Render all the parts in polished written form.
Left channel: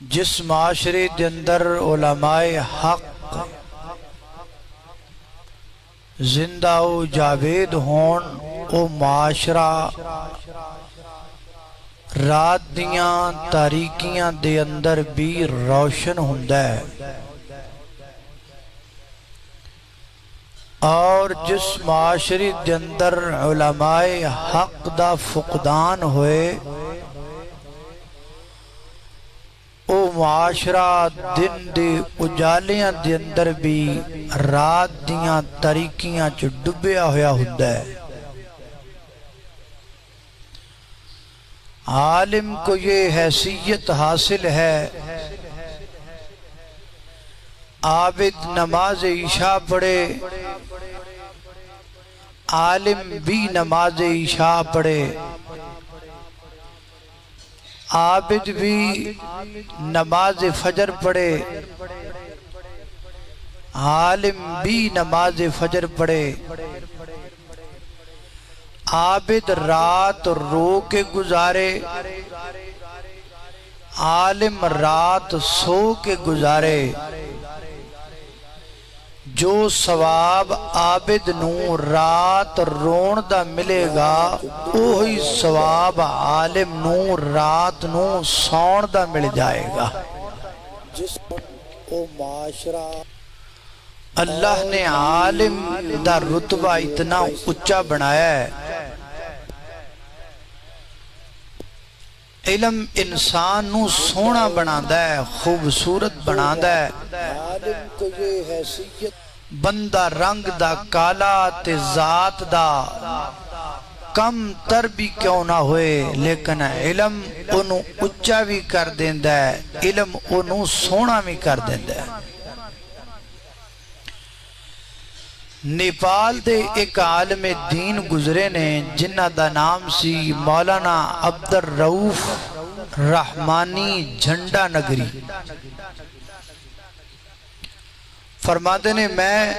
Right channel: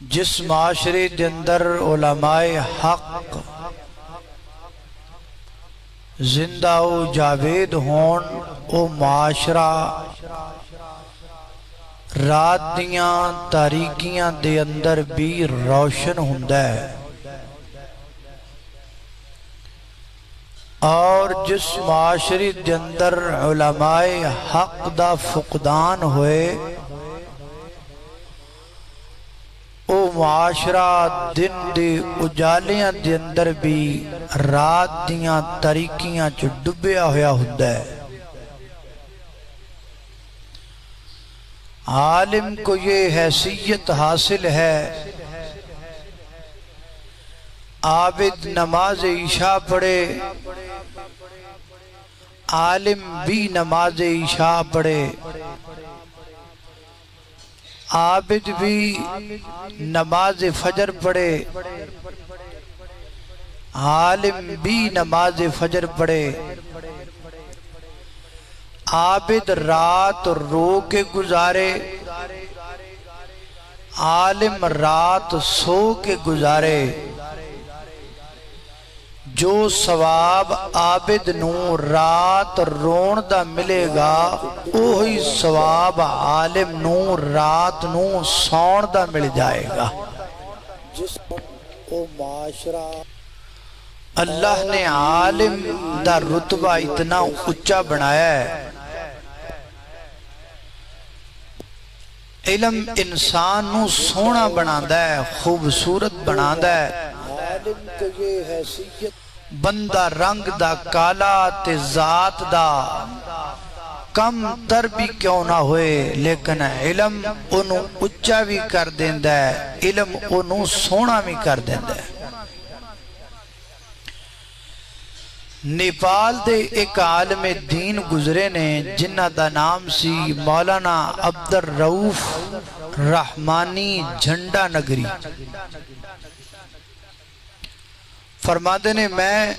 جس معاشرے دے اندر علماء حق زندہ و جاوید ہون او معاشرہ رات دیاں تاریکیاں دے اندر بھی روشن ہوندا ہے، اور جس معاشرے دے اندر علماء حق دا فقدان ہوئے او معاشرہ دن دے اجالیاں دے اندر بھی رات دیاں تاریکیاں چ ڈبیا ہویا ہوندا ہے۔ عالم کو یہ حیثیت حاصل ہے، عابد نماز عشاء پڑھے، عالم بھی نماز عشاء پڑھے، عابد بھی نماز فجر پڑھے، عالم بھی نماز فجر پڑھے، عابد رات رو کے گزارے، عالم رات سو کے گزارے۔ جو ثواب عابد نو رات رون دا ملے گا، وہی ثواب عالم نو رات نو سون دا مل جائے گا۔ جس او معاشرہ اللہ نے عالم دا رتبہ اتنا اچھا بنایا ہے۔ علم انسان نو سونا بناتا ہے، خوبصورت بناتا ہے۔ عالم کو یہ حیثیت بندہ رنگ دا کالا تے ذات دا کم تر بھی کیوں نہ ہوئے، لیکن علم انہوں اچھا بھی کر دیندا ہے، علم انہوں سونا بھی کر دیندا ہے۔ نیپال دے ایک عالم دین گزرے نے جنہ دا نام سی مولانا عبدالرؤف رحمانی جھنڈا نگری۔ فرماتے نے میں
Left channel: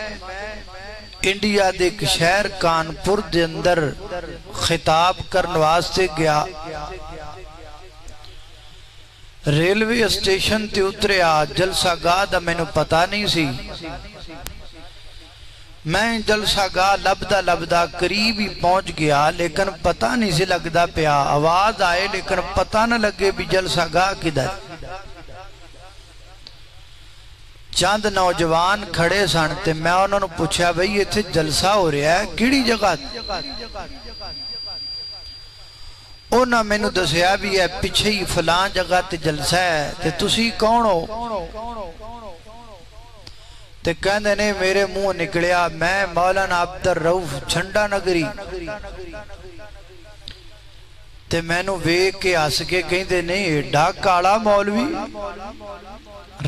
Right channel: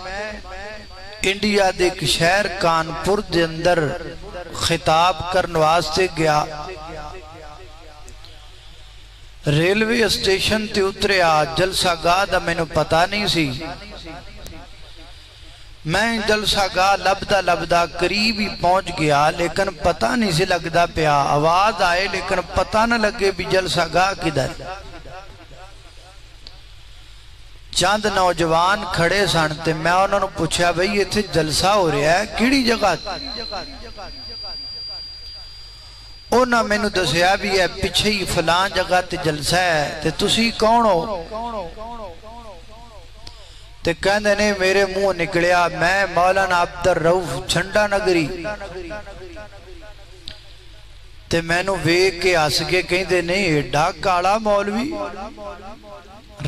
انڈیا دے ایک شہر کانپور دے اندر خطاب کرنے واسطے گیا، ریلوے اسٹیشن تے اتریا، جلسہ گاہ دا میں نے پتہ نہیں سی، میں جلسہ گاہ لبدا قریب ہی پہنچ گیا، لیکن پتہ نہیں سی لگدا پیا، آواز آئے لیکن پتہ نہ لگے بھی جلسہ گاہ کدھر۔ چند نوجوان کھڑے سن تے میں انہوں نے پوچھا بھئی یہ تھے جلسہ ہو رہا ہے کیڑی جگہ؟ انہوں میں نے دسیا بھی ہے پیچھے ہی فلان جگہ تے جلسہ ہے، تے تسی کون ہو؟ تے کہندے نے میرے منہ نکلیا میں مولانا عبدالرؤف جھنڈا نگری۔ تے میں نو ویکھ کے ہس کے کہندے نہیں ایڈا کالا مولوی،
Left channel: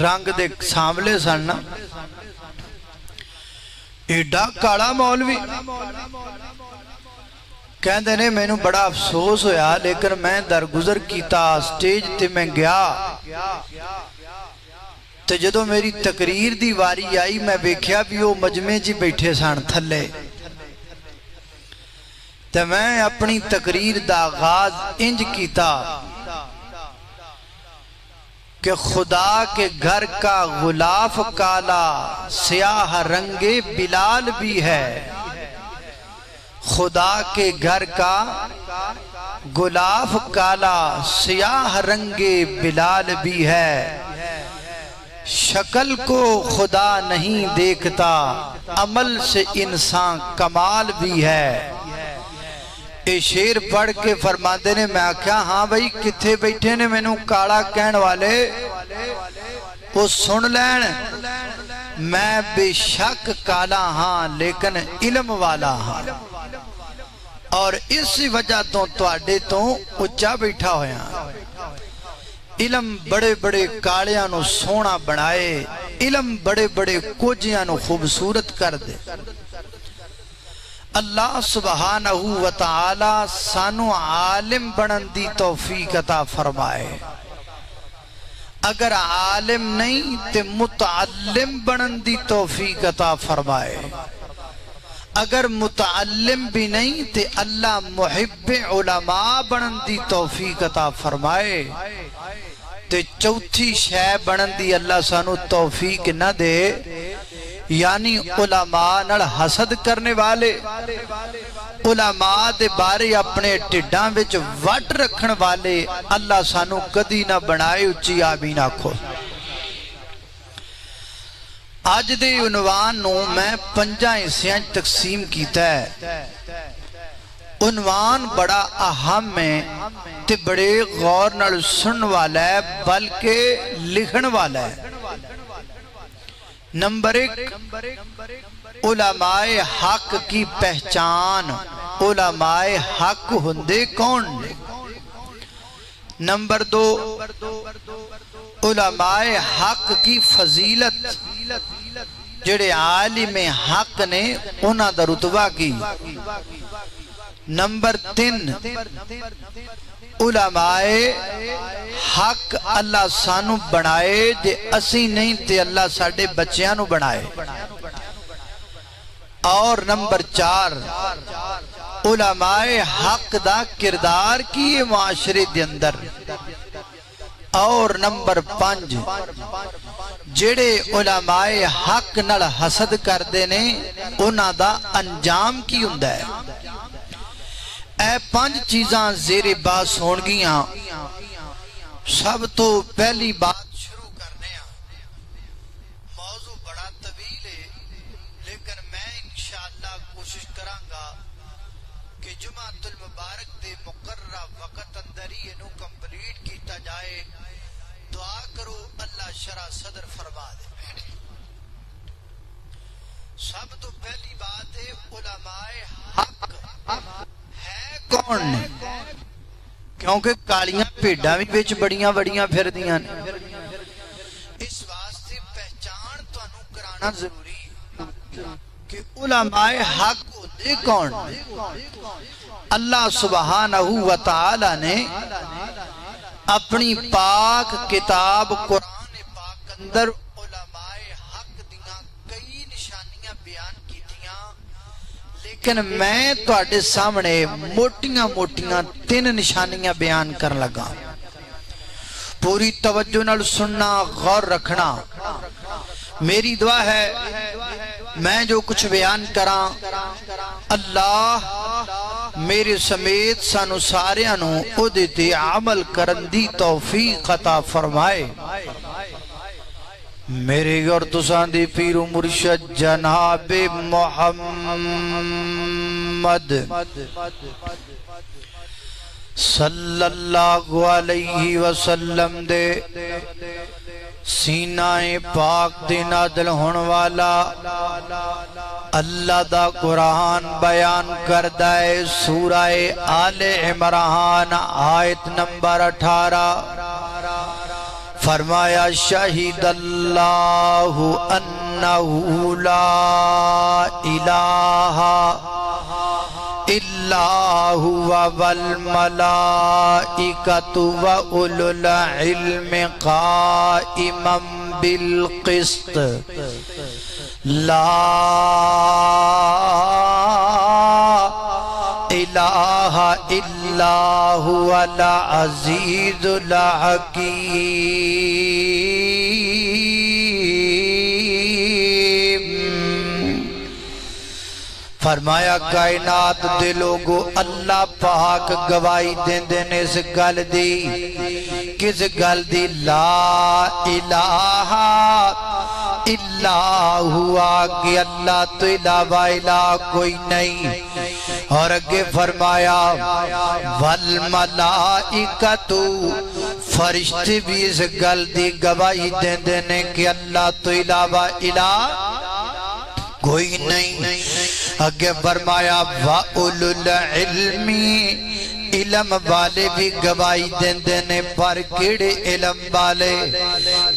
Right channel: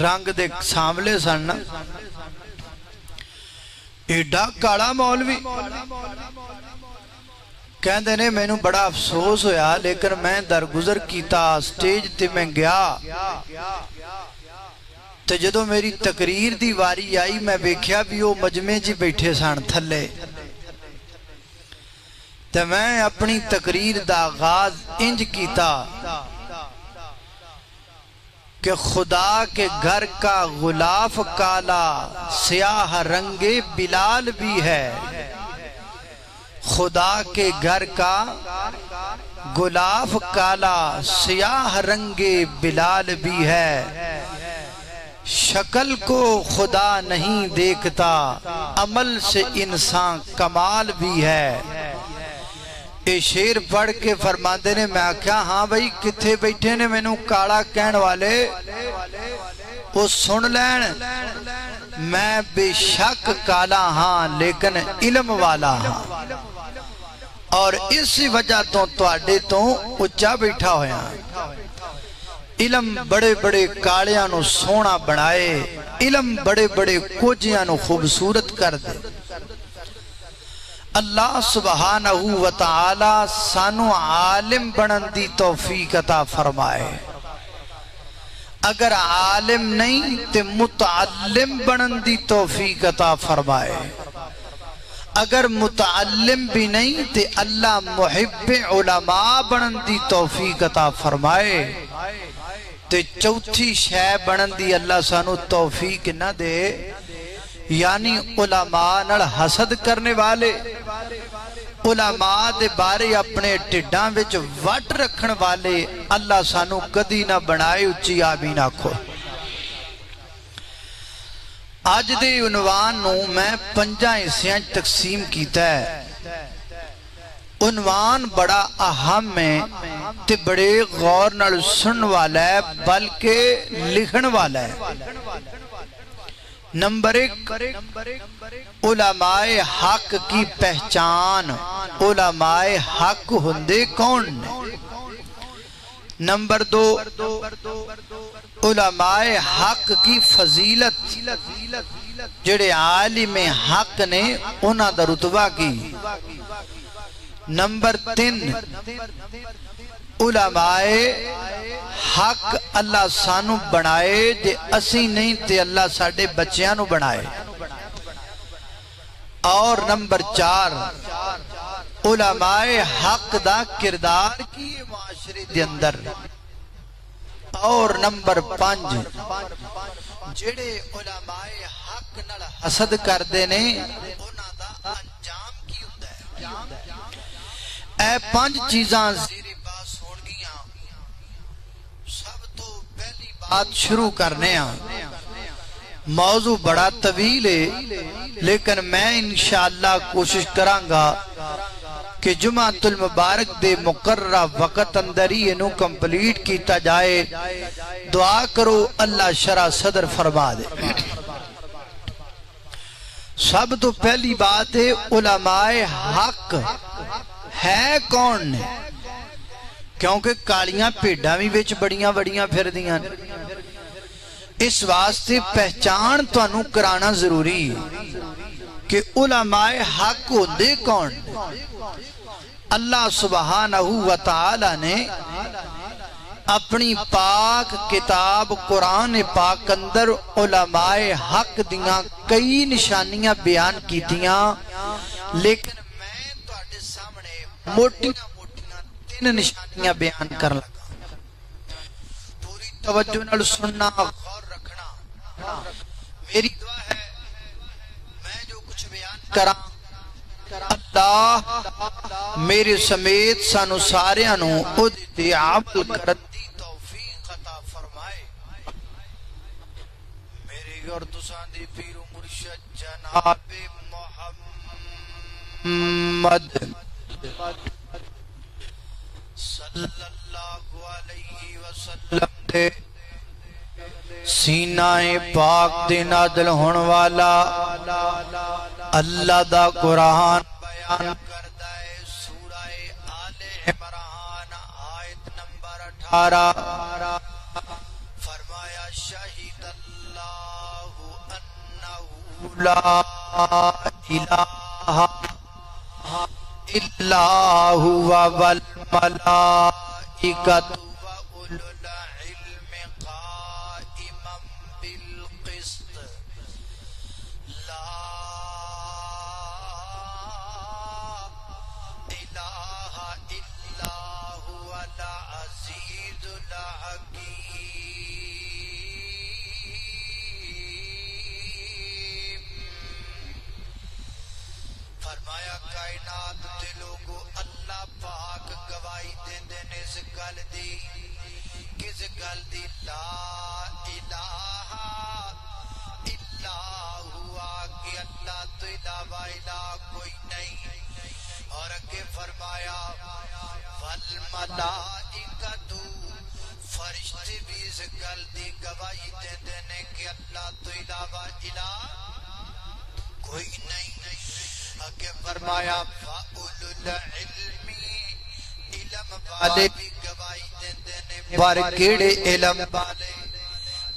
رنگ دے ساملے سن، ایڈا کالا مولوی۔ کہندے نے میں نو بڑا افسوس ہویا، لیکن میں درگزر کیتا، سٹیج تے میں گیا، تے جدو میری تقریر دی واری آئی میں ویکھیا بھی وہ مجمع جی بیٹھے سن تھلے، تے میں اپنی تقریر دا آغاز انج کیتا کہ خدا کے گھر کا غلاف کالا سیاہ رنگ بلال بھی ہے، خدا کے گھر کا غلاف کالا سیاہ رنگ بلال بھی ہے، شکل کو خدا نہیں دیکھتا عمل سے انسان کمال بھی ہے۔ اے شیر پڑھ کے فرماتے نے میں آکھیا ہاں بھئی کتھے بیٹھے نے میں نو کالا کہن والے، وہ سن لین میں بے شک کالا ہاں لیکن علم والا ہاں، اور اس وجہ تو آڈے تو اچھا بیٹھا ہویا۔ علم بڑے بڑے کالیاں نو سونا بنائے، علم بڑے بڑے کوجیاں نو خوبصورت کر دے۔ اللہ سبحانہ وتعالی سانو عالم بنن دی توفیق عطا فرمائے، اگر عالم نہیں تے متعلم بنن دی توفیق عطا فرمائے، اگر متعلم بھی نہیں تے اللہ محب علماء بنن دی توفیق عطا فرمائے، تے چوتھی شے بنن دی اللہ سانو توفیق نہ دے، یعنی علماء نال حسد کرنے والے، علماء دے بارے اپنے ٹھڈاں وچ وٹ رکھن والے اللہ سانو کدی نہ بنائے۔ اچھی آمین آکھو۔ آج دے عنوان نو میں 5 حصیاں تقسیم کیتا ہے۔ عنوان بڑا اہم ہے تے بڑے غور نال سن والا ہے، بلکہ لکھن والا ہے۔ نمبر 1، علماء حق کی پہچان۔ علماء حق ہندے کون نے؟ نمبر 2، علماء حق کی فضیلت، جڑے عالم حق نے انہاں دا رتبہ کی۔ نمبر 3، علماء حق اللہ سانو بنائے جے اسی نہیں تے اللہ ساڑے بچیاں نو بنائے۔ اور نمبر 4، علماء حق دا کردار کی معاشرے دے اندر۔ اور نمبر 5، جڑے علماء حق نال حسد کر دینے انہاں دا انجام کی ہوندا ہے۔ اے 5 چیزاں زیر بات ہون گیاں۔ سب تو پہلی بات شروع کرنے ہیں، موضوع بڑا طویل ہے لیکن میں انشاءاللہ کوشش کرانگا کہ جمعۃ المبارک دے مقررہ وقت اندر ہی انہوں کمپلیٹ کیتا جائے۔ دعا کرو اللہ شرح صدر فرما دے۔ سب تو پہلی بات ہے، علماء حق ہے کون نے؟ کیونکہ کالیاں پیڈاں بھی وچ بڑیاں بڑیاں پھر دیاں نے، اس واسطے پہچان تو انہوں کرانا ضروری ہے کہ علماء حق ہوندے کون نے۔ اللہ سبحانہ وتعالی نے اپنی پاک کتاب قرآن پاک اندر علماء حق دیاں کئی نشانیاں بیان کیتیاں، لیکن میں تو آٹے سامنے موٹیاں 3 نشانیاں بیان کر لگا۔ پوری توجہ نال سننا، غور رکھنا۔ میری دعا ہے میں جو کچھ بیان کراں اللہ میرے سمیت سانو ساریانو ادھتے عمل کرن دی توفیق عطا فرمائے۔ میرے اور تساں دی پیر و مرشد جناب محمد صلی اللہ علیہ وسلم دے سینہ پاک دے نازل ہون والا اللہ دا قرآن بیان کردہ ہے۔ سورہ آل عمران آیت نمبر 18 فرمایا شہید اللہ انہ لا الہ الا هو والملائکۃ واولو العلم قائما بالقسط لا الہ الا هو العزیز الحکیم۔ فرمایا کائنات دے لوگو اللہ پاک گواہی دین دین اس گل دی، کس گل دی؟ لا الہ الا ہوا، کہ اللہ تو علاوہ الہ کوئی نہیں۔ اور اگے فرمایا والملائکۃ، فرشتے بھی اس گل دی گواہی دین دین کہ اللہ تو علاوہ الہ کوئی نہیں۔ اگے فرمایا وَأُولُو الْعِلْمِ، علم والے بھی گواہی دین دینے، پر کیڑے علم والے؟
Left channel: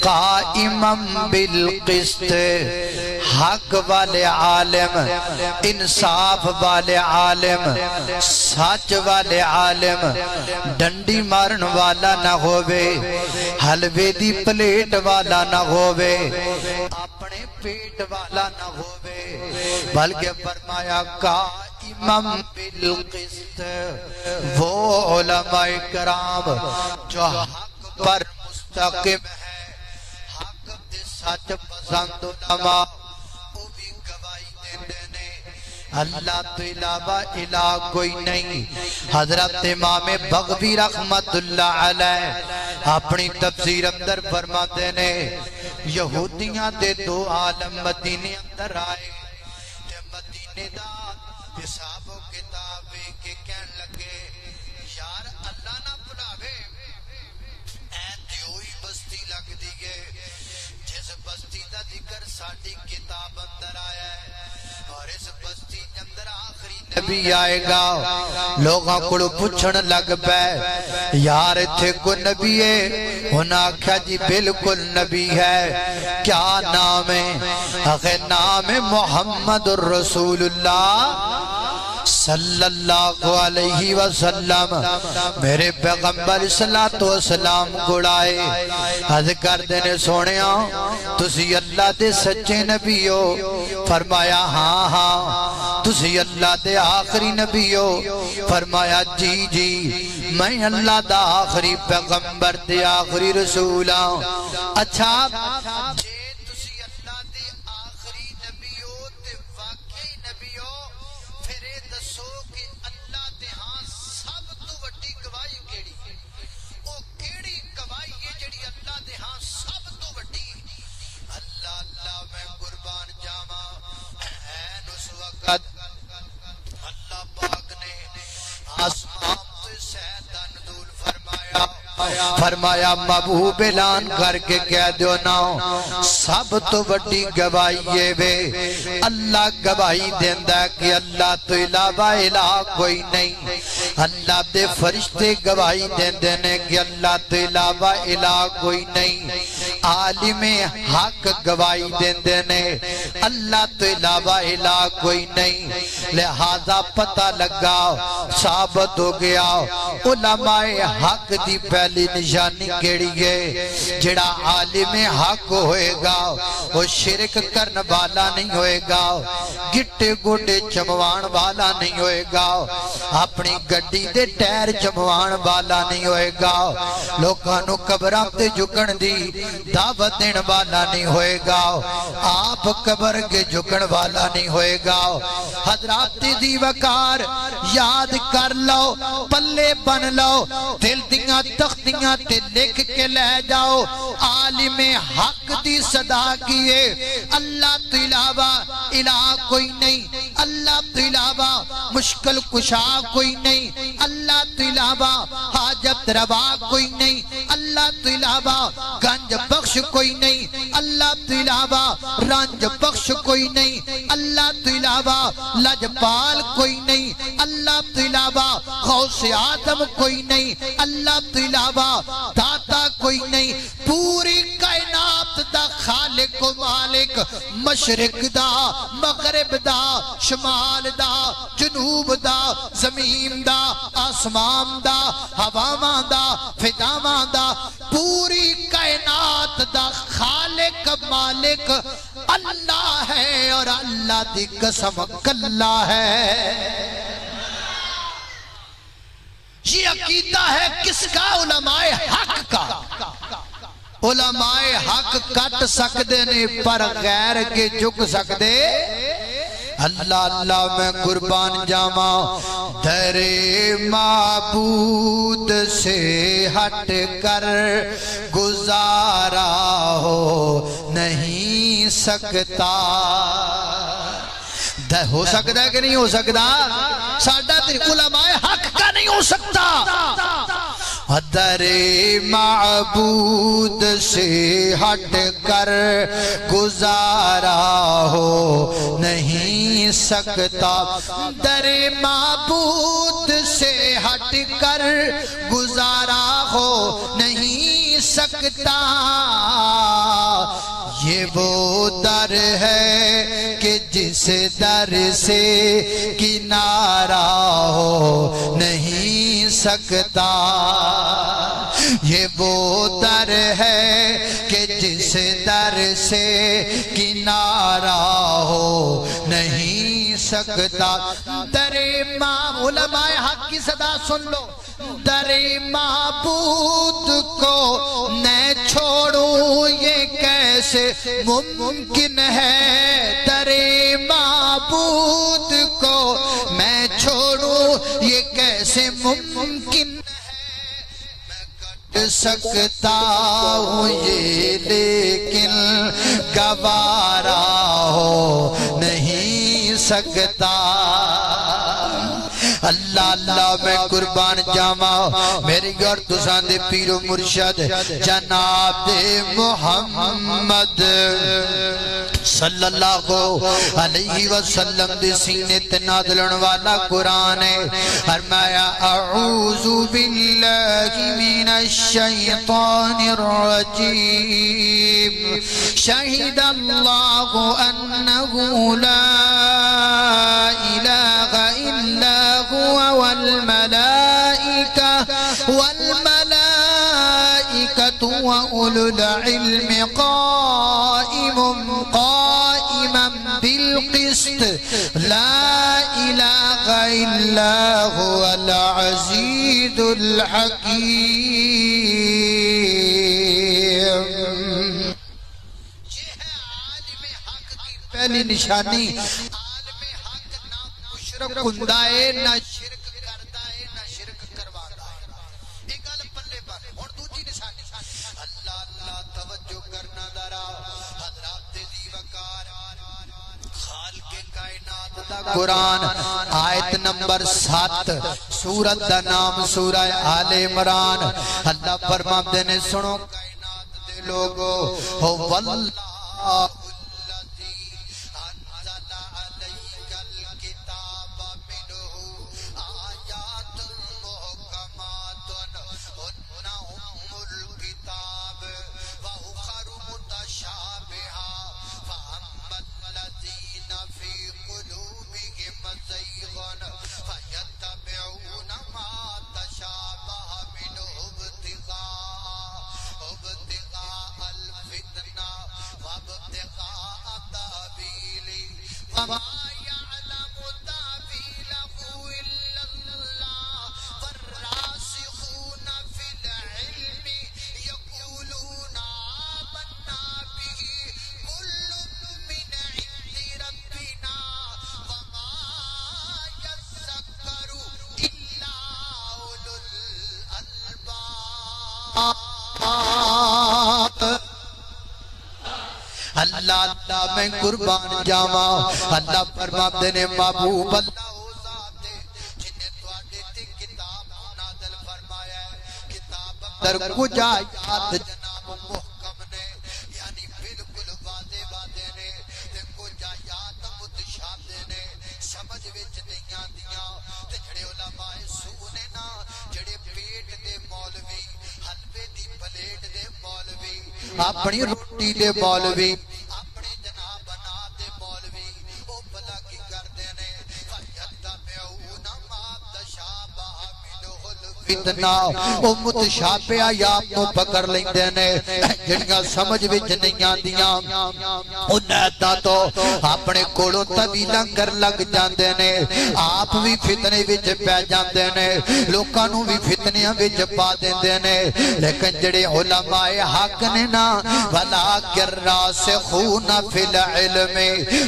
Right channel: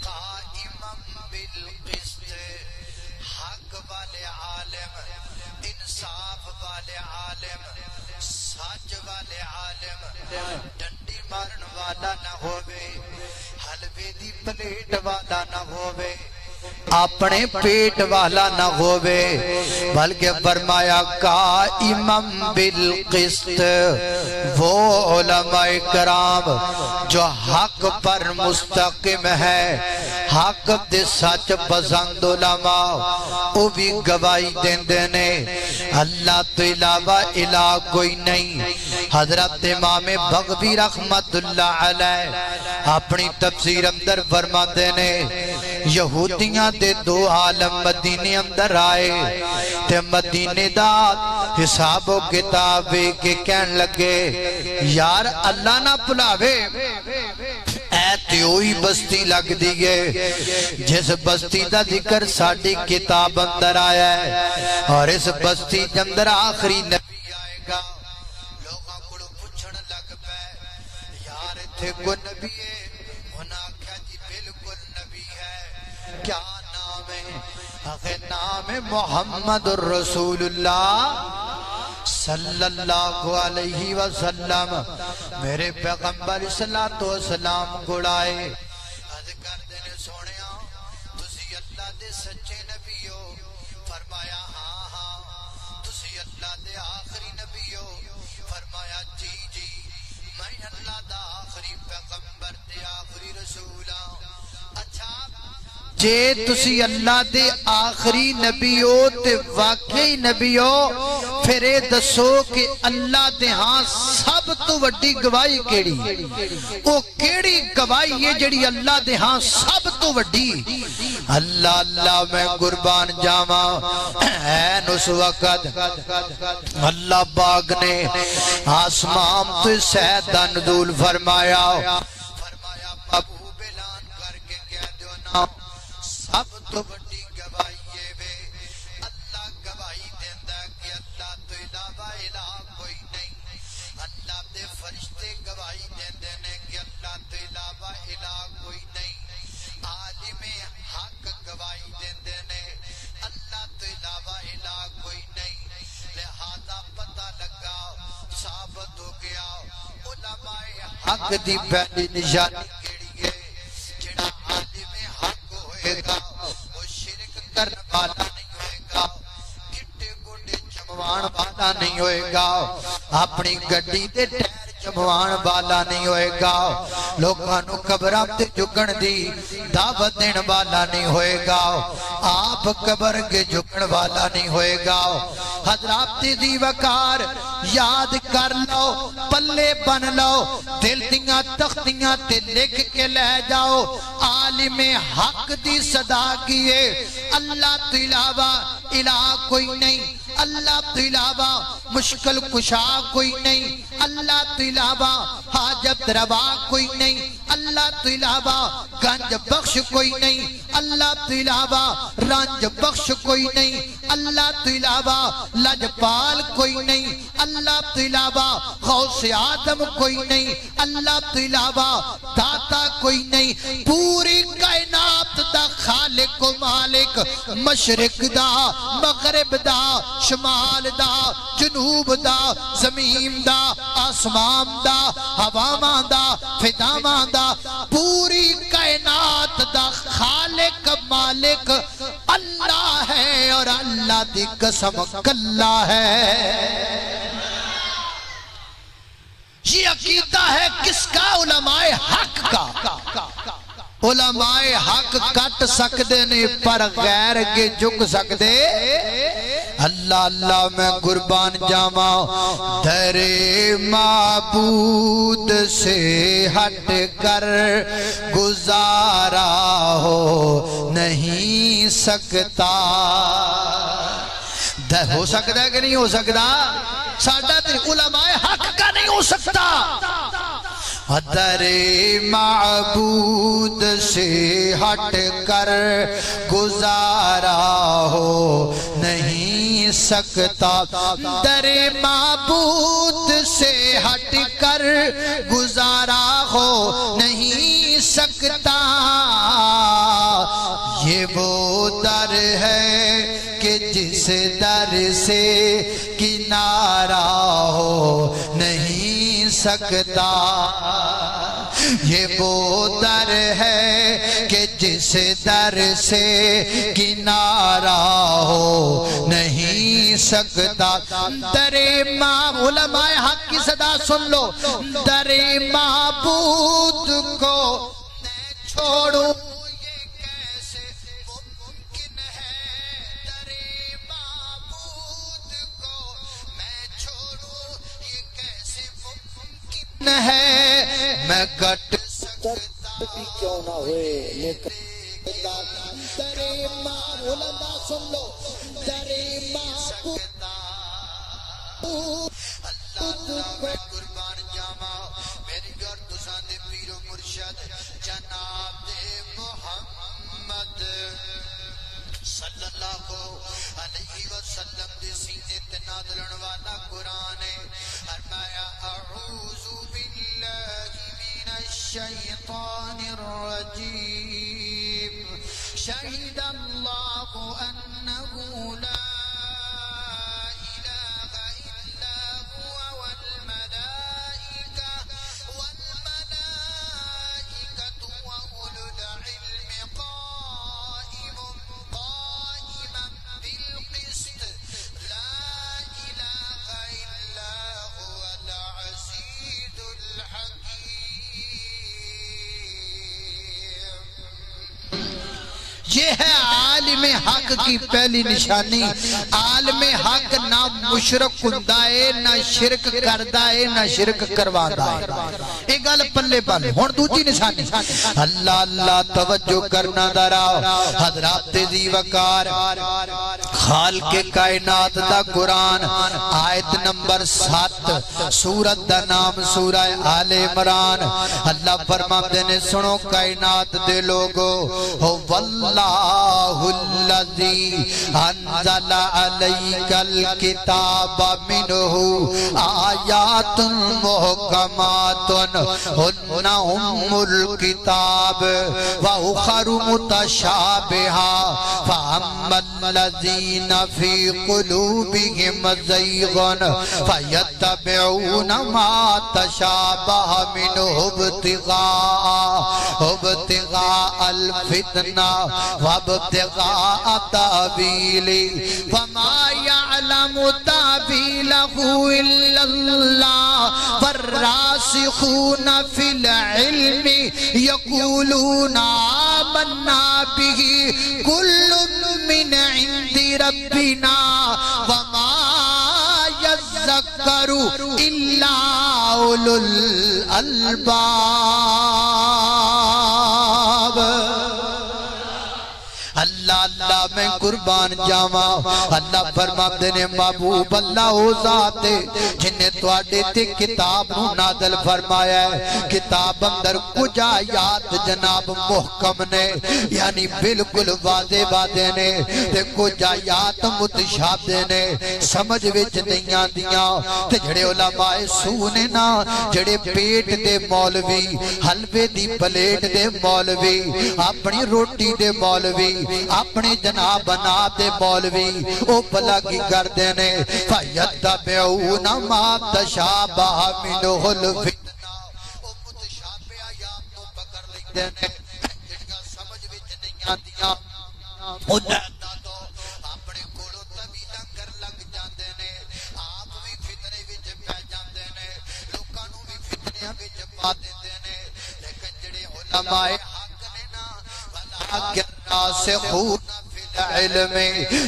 قائماً بالقسط، حق والے عالم، انصاف والے عالم، سچ والے عالم، ڈنڈی مارن والا نہ ہووے، حلوے دی پلیٹ والا نہ ہووے، اپنے پیٹ والا نہ ہووے، بلکہ فرمایا قائماً بالقسط۔ وہ علماء کرام جو حق پر مستقم ہے، حق دے سچ پسند علماء او بھی گواہی دیندے نے اللہ تو علاوہ الہ کوئی نہیں۔ حضرت امام بغوی رحمت اللہ علیہ اپنی تفسیر اندر فرماتے نے یہودیاں دے دو عالم مدینے اندر آئے تے مدینے دا حساب و کتاب کے کہن لگے یار اللہ نہ بلاوے اے تیوئی بستی لگ دیئے جس بستی دا ذکر ساڑھی کتاب اندر آیا ہے اور اس بستی اندر آخری نبی آئے گا۔ لوگاں کڑو پوچھن لگ پے یار اتھے کو نبی ہے؟ انہاں کہا جی بالکل نبی ہے۔ کیا نام ہے؟ اگر نام ہے محمد الرسول اللہ صلی اللہ علیہ وسلم۔ میرے پیغمبر صلی اللہ علیہ وسلم گڑائے حض کر دینے سونیا تسی اللہ دے سچے نبی ہو؟ فرمایا ہاں ہاں۔ تسی اللہ دے آخری نبی ہو؟ فرمایا جی جی میں اللہ دا آخری پیغمبر دے آخری رسول ہوں۔ اچھا جے تسی اللہ دے آخری نبی ہو تے واقعی نبی ہو پھر اے دسو کہ اللہ دے ہاں سب تو وڈی گواہی کیڑی؟ او کیڑی گواہی ہے جڑی اللہ دے ہاں سب تو وڈی؟ اللہ اللہ میں قربان جاواں این اس وقت اللہ پاک نے آسمان تو سیدہ نزول فرمایا محبوب اعلان کر کے کہہ دیو نا سب تو وڈی گواہی وے اللہ گواہی دیندہ کہ اللہ تو علاوہ الہ کوئی نہیں۔ اللہ دے فرشتے گواہی دیندے نے کہ اللہ تو علاوہ الہ کوئی نہیں۔ عالم حق گواہی دیندے نے اللہ تو علاوہ الہ کوئی نہیں۔ لہذا پتہ لگا ثابت ہو گیا علماء حق دی پہلی نشانی کیڑی ہے؟ جڑا عالم حق ہوئے گا وہ شرک کرن والا نہیں ہوئے گا، گٹے گوٹے چموان والا نہیں ہوئے گا، اپنی گڈی دے ٹیر چموان والا نہیں ہوئے گا، لوگانو قبرام تے جھکن دی دعوت دین والا نہیں ہوئے گا، آپ قبر کے جھکن والا نہیں ہوئے گا۔ حضرات دی وقار یاد کر لو، پلے بن لو، دل دیاں تختیاں تے لکھ کے لے جاؤ، عالم حق دی صدا کیے اللہ تو علاوہ الہ کوئی نہیں، اللہ تو علاوہ مشکل کشا کوئی نہیں، اللہ تو علاوہ حاجت روا کوئی نہیں، اللہ تو علاوہ گنج بخش کوئی نہیں، اللہ تو علاوہ رنج بخش کوئی نہیں، اللہ تو علاوہ لجپال کوئی نہیں، اللہ تو علاوہ غوث آدم کوئی نہیں، اللہ تو علاوہ داتا کوئی نہیں۔ پوری کائنات دا خالق و مالک، مشرق دا مغرب دا شمال دا جنوب دا زمین دا آسمان دا ہواواں دا فضاواں دا پوری کائنات دا خالق مالک اللہ ہے، اور اللہ دی قسم کلا ہے۔ یہ عقیدہ ہے کس کا؟ علماء حق کا۔ علماء حق کٹ سکدے نے پر غیر کے جھک سکدے؟ اللہ اللہ میں قربان جاواں، در معبود سے ہٹ کر گزارا ہو نہیں سکتا۔ ہو سکتا ہے کہ نہیں ہو سکتا؟ ساڈا علماء حق کا نہیں ہو سکتا۔ در معبود سے ہٹ کر گزارا ہو نہیں سکتا، در معبود سے ہٹ کر گزارا ہو نہیں سکتا۔ یہ وہ در ہے کہ جس در سے کنارہ ہو نہیں سکتا، یہ وہ در ہے کہ جس در سے کنارہ ہو نہیں سکتا۔ در علماء حق کی صدا سن لو، در معبود کو میں چھوڑوں یہ کیسے ممکن ہے، در معبود کو میں چھوڑوں یہ کیسے ممکن ہے، میں کٹ سکتا ہوں یہ لیکن گوارا ہو نہیں سکتا۔ اللہ اللہ میں قربان جاواں میری گھر تساں دے پیر و مرشد جناب دے محمد صلی اللہ علیہ وسلم دے سینے تے نازلن والا قرآن ہے۔ فرمایا اعوذ باللہ من الشیطان الرجیم، شہد اللہ انہ لا الہ الا هو والملائكة وأولو العلم قائما بالقسط لا إله إلا هو العزيز الحكيم۔ یہ ہے عالم حق کی پہلی نشانی۔ عالم حق نہ مشرک ہوندا ہے، نہ شرک کردا ہے، نہ شرک کرواندا ہے۔ ایک گل پلے پلے ہن دوجی نشانی، اللہ اللہ توجہ کرنا ذرا حضرات ذی وقار خالق کائنات دا قرآن آیت نمبر 7 سورت دا نام سورہ آل عمران۔ اللہ فرماتے نے سنو کائنات دے لوگو، ہو واللہ الذی انزل علیک الکتاب منہ آیات محکمات ہن ام الکتاب واخر متشابہا فاما الذین فی قلوبہم زیغ فیتبعون ما تشابہ منہ ابتغاء الفتنہ وابتغاء تأویلہ وما يعلم تأویلہ الا اللہ والراسخون فی العلم یقولون آمنا به کل من عند ربنا وما يذکر الا اولو الالباب۔ اللہ اللہ میں قربان جاواں، اللہ فرماتے نے محبوب اللہ او ذات ہے جن نے تواڈے تے کتاب نو نازل فرمایا ہے۔ کتاب اندر کچھ آیات جناب محکم نے یعنی بالکل واضح واضح نے، تے کچھ آیات متشابہ نے سمجھ وچ نہیں آندیاں۔ تے جڑے علماء سو نے نا، جڑے پیٹ دے مولوی، حلوے دی پلیٹ دے مولوی، اپنی روٹی دے مولوی، اپنے جناب بنا دے مولوی، او بلا کی کردے نے فَيَتَّبِعُونَ مَا تَشَابَهَ مِنْهُ الْفِتْنَةُ، او متشابہ آیات کو پکڑ لیندے نے جنگا سمجھ وچ نہیں آندیاں، انہاں تو اپنے کولوں طویلاں کر لگ جاندے نے، آپ بھی فتنے وچ پہ جاندے نے، لوکاں نوں بھی فتنیاں وچ پا دیندے نے۔ لیکن جڑے علماء حق نے نا وَلَٰكِنْ رَاسِخُونَ فِي الْعِلْمِ،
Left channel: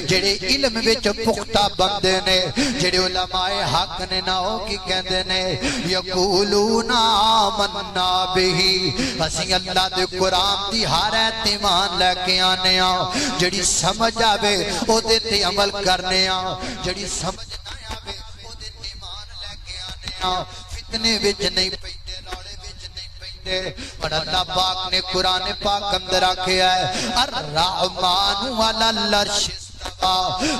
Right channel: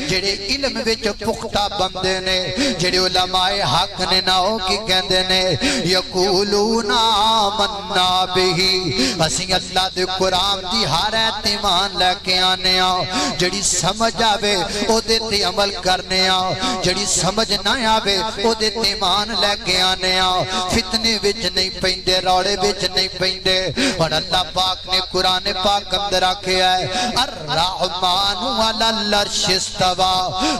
جڑے علم وچ پختہ بندے نے، جڑے علماء حق نے نا او کی کہندے نے یقولون آمنا بہ، اسی اللہ دے قرآن دی ہر ایمان لے کے آنے ہاں، جڑی سمجھ آوے او دے تے عمل کرنے ہاں، جڑی سمجھ نہ آوے او دے تے ایمان لے کے آنے ہاں، فتنے وچ نہیں پیندے، روڑے وچ نہیں پیندے۔ اور اللہ پاک نے قرآن پاک اندر آکھیا ہے الرحمن علی العرش استوى،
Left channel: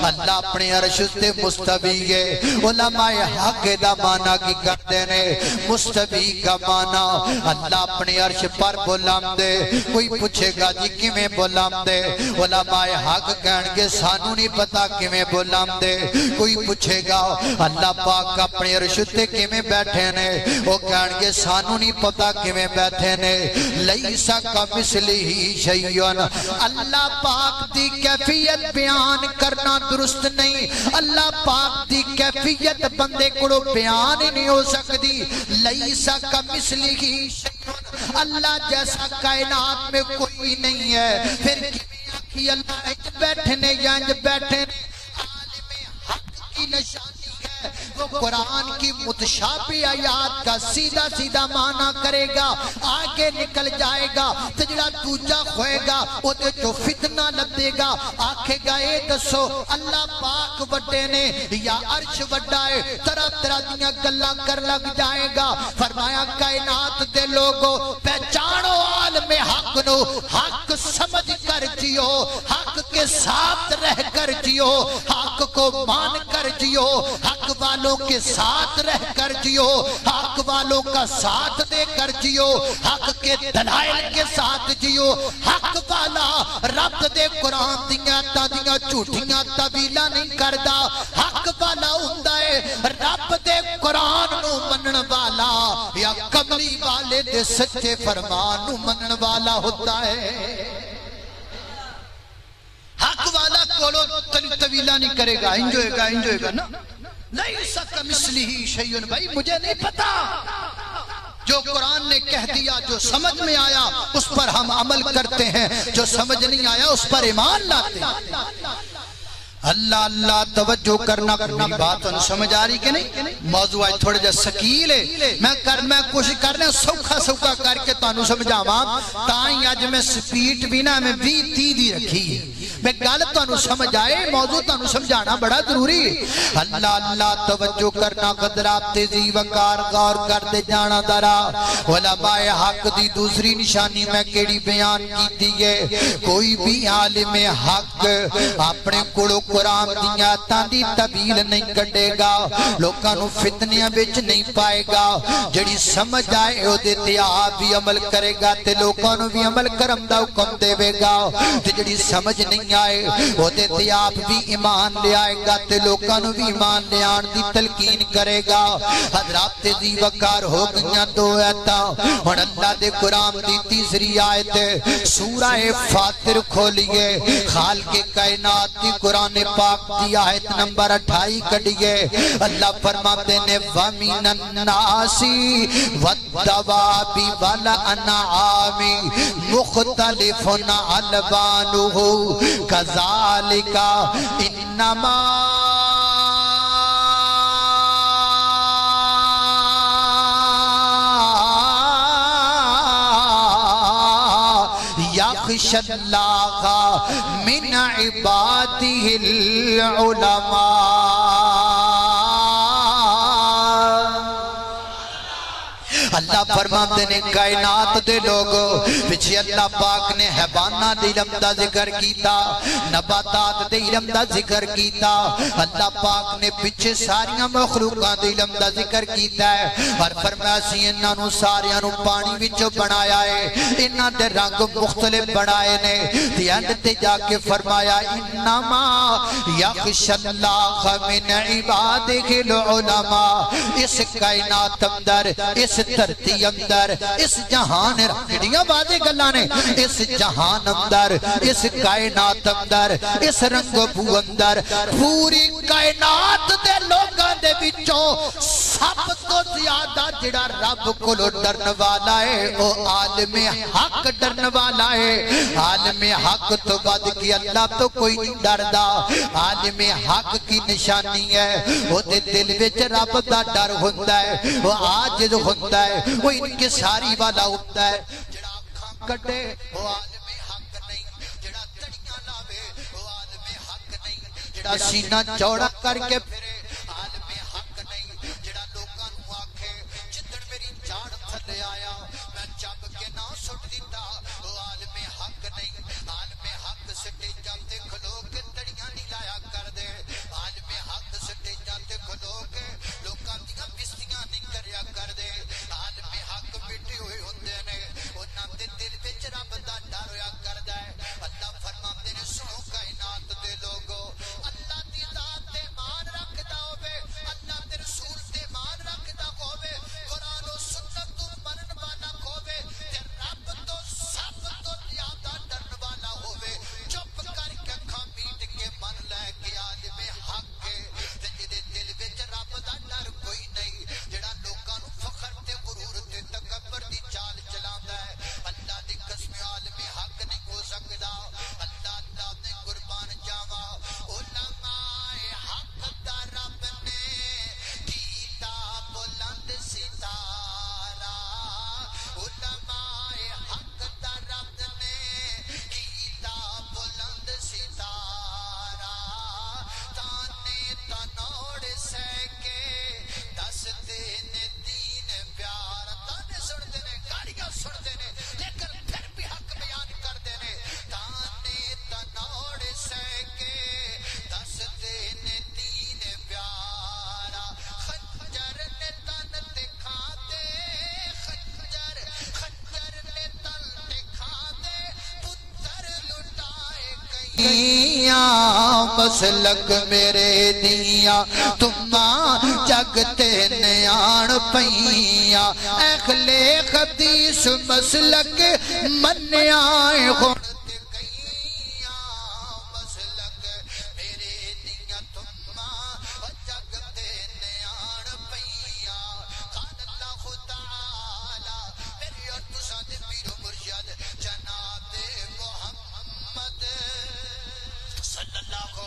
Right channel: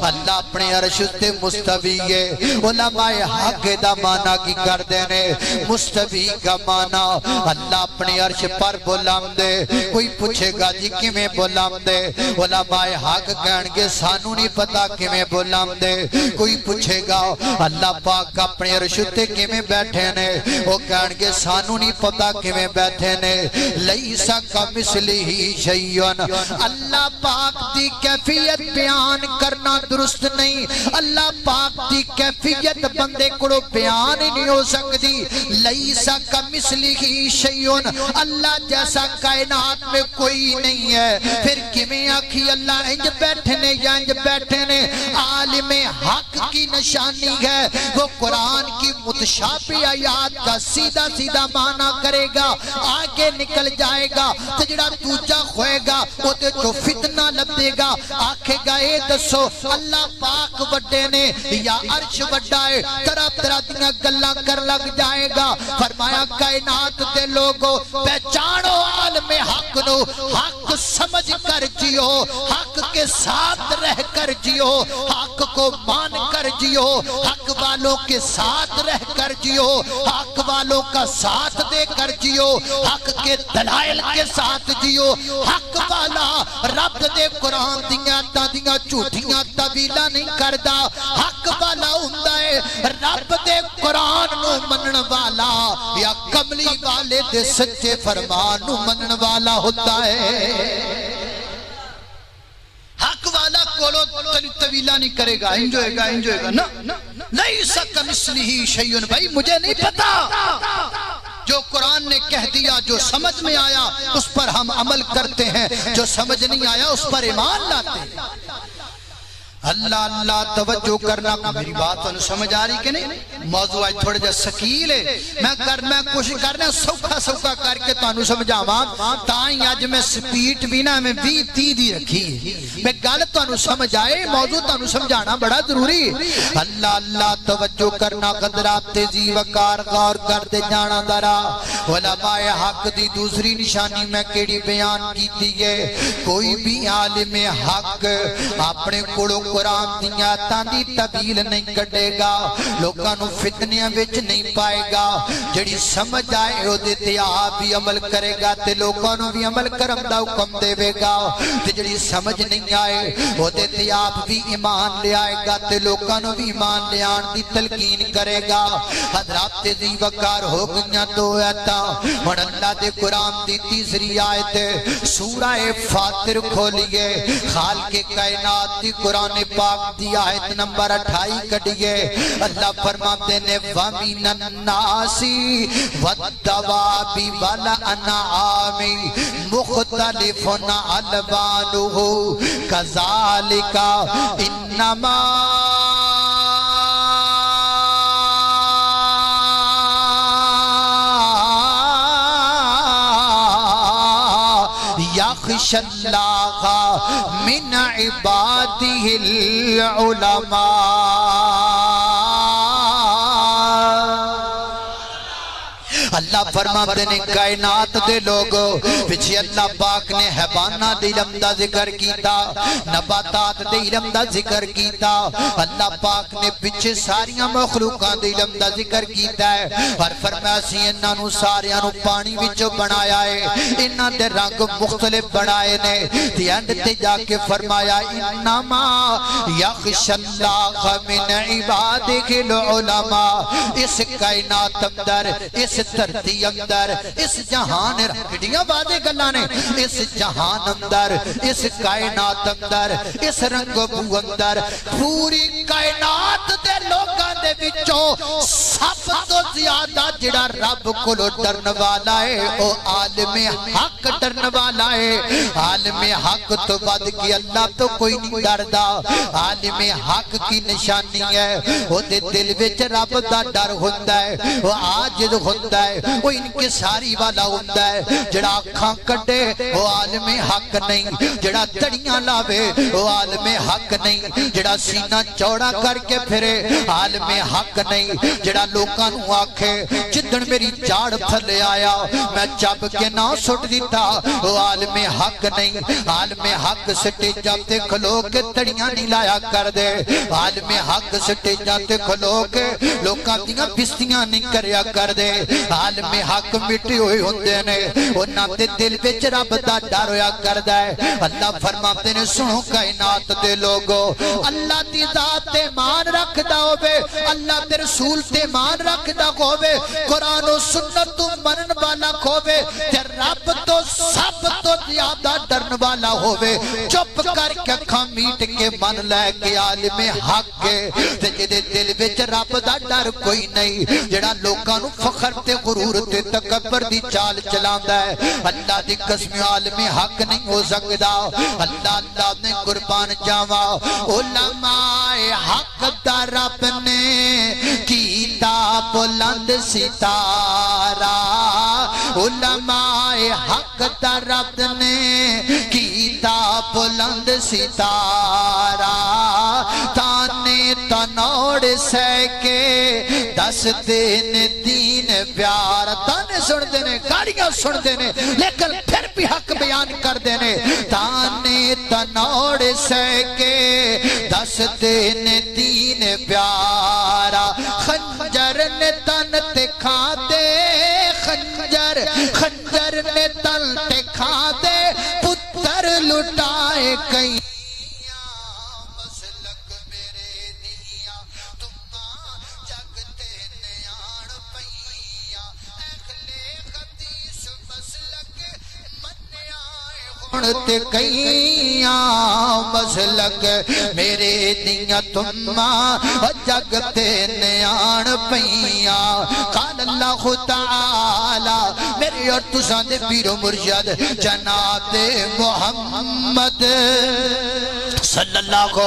اللہ اپنے عرش تے مستوی ہے۔ علماء حق دا معنی کی کردے نے؟ مستوی کا معنی اللہ اپنے عرش پر بلندے۔ کوئی پوچھے گا جی کیویں بلندے؟ علماء حق کہن گے سانو نہیں پتا کیویں بلندے۔ کوئی پوچھے گا اللہ پاک اپنے عرش تے کیویں بیٹھے نے؟ وہ کہن گے سانو نہیں پتا کیویں بیٹھے نے۔ لیس کمثلہ شیء، اللہ اللہ پاک دی کیفیت بیان کرنا درست نہیں. اللہ پاک دی کیفیت بندے کو بیان ہی نہیں ہو سکتی. لیسا کمثلہ شیء، اللہ جیسا کائنات میں کوئی نہیں ہے. پھر کیویں آکھی اللہ انج بیٹھے نے یا انج بیٹھے نے؟ عالم حق کی نشانی ہے وہ قرآن کی متشابہ آیات کا سیدھا سیدھا معنی کرے گا، آگے نکل جائے گا. تے جڑا دوجا کھوئے گا وہ تے جو فتنہ لبے گا، آکھے گا اے دسو اللہ پاک وڈے نے یا عرش وڈا ہے؟ طرح طرح دیاں گلاں کر لگ جائے گا. فرمایا کائنات دے لوگو پہچانو عالم حق نو، حق سمجھ کر جیو، حق کے ساتھ رہ کر جیو، حق کو مان کر جیو، حق والوں کے ساتھ رہ کر جیو، حق والوں کا ساتھ دے کر جیو، حق کے دلائل کے ساتھ جیو. حق والا رب دے قرآن دیاں تا دیاں جھوٹیاں تعویلاں نہیں کردا. حق والا ہوندا ہے رب دے قرآن نو منن والا یا کملی والے دے سچے فرمان نو منن والا ہوتا ہے. حق والا کولو طویلہ نہیں کرے گا، انجوئے گا نا. لیسا کمثلہ شیء، بھائی مجھے نہیں پتا، جو قرآن نے کہہ دیا جو سمجھ میں آیا اس پر ہم عمل کرتے ہیں، جو سمجھ نہیں آیا اس پر ایمان لاتے ہیں. اللہ اللہ توجہ کرنا. میری بات انہوں سمجھ آ رہی کہ نہیں؟ موضوع آج تھوڑے جا سکیل ہے، میں کوشش کرنا سوکھا کر کے تانوں سمجھا ماں تائیں آج میں سپیٹ بھی نہ میں 20-30 دی رکھی ہے. میں گل تانوں سمجھ آئے، موضوع تانوں سمجھانا بڑا ضروری ہے. اللہ اللہ توجہ کرنا. قدرات تیزی وقار غور کر دے جانا درا. علماء حق دی دوسری نشانی میں کیڑی بیان کی ہے، کوئی بھی عالم حق اپنے کڑو قرآن دیاں تاندی طویل نہیں کڈے گا، لوکاں نو فتنیاں وچ نہیں پائے گا. جڑی سمجھ آئے او دے تے آپ بھی عمل کرے گا تے لوکاں نو بھی عمل کرم دا حکم دے گا. تے جڑی سمجھ نہیں آئے وہ دے تے آپ بھی ایمان لے آئے گا تے لوکاں نو بھی ایمان لے آن دی تلقین کرے گا. حضرات تیزی وقار ہو گئیاں 2 آیتاں. ہن اللہ دے قرآن دی تیسری آیت سورہ فاطر کھولیے، خالق کائنات دی قرآن پاک دی آیت نمبر 28 کڈیے. اللہ فرماتے نے وَمِنَ النَّاسِ وَالدَّوَابِ وَالْأَنْعَامِ مُخْتَلِفٌ أَلْوَانُهُ كَذَلِكَ إِنَّمَا يَخْشَى اللَّهَ مِنْ عِبَادِهِ الْعُلَمَاء. اللہ فرماتے نے کائنات دے لوگو پچھے اللہ پاک نے حیوانہ دے علم دا ذکر کیتا، نباتات دے علم دا ذکر کیتا. اللہ پاک نے پچھے ساریاں مخلوقاں دے علم دا ذکر کیتا ہے اور فرمایا سی انہاں نو ساریاں نو پانی وچوں بنایا ہے، انہاں دے رنگ مختلف بنائے نے. تے اینڈ تے جا کے فرمایا انما یخشی اللہ من عبادہ العلماء. اس کائنات اندر، اس دھرتی اندر، اس جہان رکھڑیاں بادے گلاں نے، اس جہان اندر، اس کائنات اندر، اس رنگ و بو اندر، پوری کائنات دے لوگاں دے بچوں سب تو زیادہ جڑا رب کو ڈرن والا ہے او عالم حق ڈرن والا ہے. عالم حق تو بعد کی اللہ تو کوئی نہیں ڈردا. عالم حق کی نشانی ہے وہ دے دل وچ رب دا ڈر ہوندا ہے، وہ عاجز ہوندا ہے، وہ انکساری والا ہوندا ہے. جڑا اکھاں کڈے وہ عالم حق نہیں، جڑا تڑیاں لاوے وہ عالم حق نہیں، جڑا سینہ چوڑا کر کے پھرے عالم حق نہیں، جڑا لوکاں نو آکھے جدن میری جاڑ تھلے آیا میں چب کے نہ سٹ دیتا وہ عالم حق نہیں. عالم حق سٹیجاں تے کھلو کے تڑیاں نہیں لایا کر دے. عالم حق سٹیجاں تے کھلو کے لوکاں دیاں بستیاں نہیں کریا کر دے. عالم حق مٹی ہوئی ہوندے نے، انہاں دے دل وچ رب دا ڈر ہویا کردا ہے. اللہ فرماتے نے سنو کائنات دے لوگو، اللہ دی ذات تے مان رکھدا ہوے، اللہ دے رسول تے مان رکھدا ہوے، قرآن و سنت تو منن والا ہوے تے رب تو سب تو زیادہ ڈرن والا ہووے چپ کر کے اکھاں میٹ کے من لے کے عالم حق تے جدے دل وچ رب دا ڈر کوئی نہیں جڑا لوکاں نو فخر تے غرور تے تکبر دی چال چلاندا ہے اللہ دی قسم عالم حق نہیں ہو سکدا اللہ اللہ نے قربان جاواں علماء حق دا رب نے کیتا بلند ستارہ علماء حق دا رب نے کیتا بلند ستارہ تانے تنوڑ سہ کے دس دین دین پیار تانے سن دینے گاڑیاں سن دینے لیکن پھر بھی حق بیان کر دینے تانے تنوڑ سہ کے دس دین دین پیارا خنجر نے تن تے کھا دے خنجر خنجر نے تن تے کھا دے پتر لٹائے کئیاں مسلک میرے دیاں تمہاں جگتے نیان پئیاں اخلے حدیث مسلک منیاں ہونتے کئیاں مسلک میرے دیاں تمہاں جگتے نیان پئیاں قال اللہ تعالی میرے اور تساں دے پیر و مرشد جناب محمد صلی اللہ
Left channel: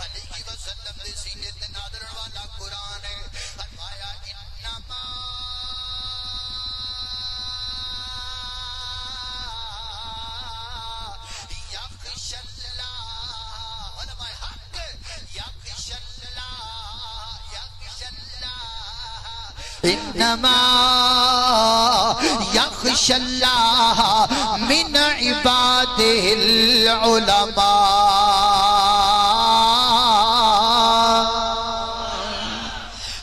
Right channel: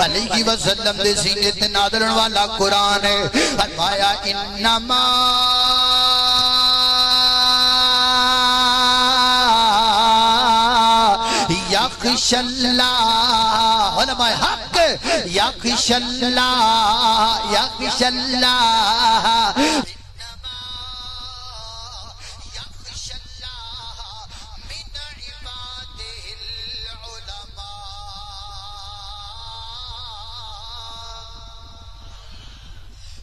علیہ وسلم دے سینے تے نازلن والا قرآن ہے فرمایا انما یخشی اللہ علماء حق یخشی اللہ یخشی اللہ انما یخشی اللہ من عبادہ العلماء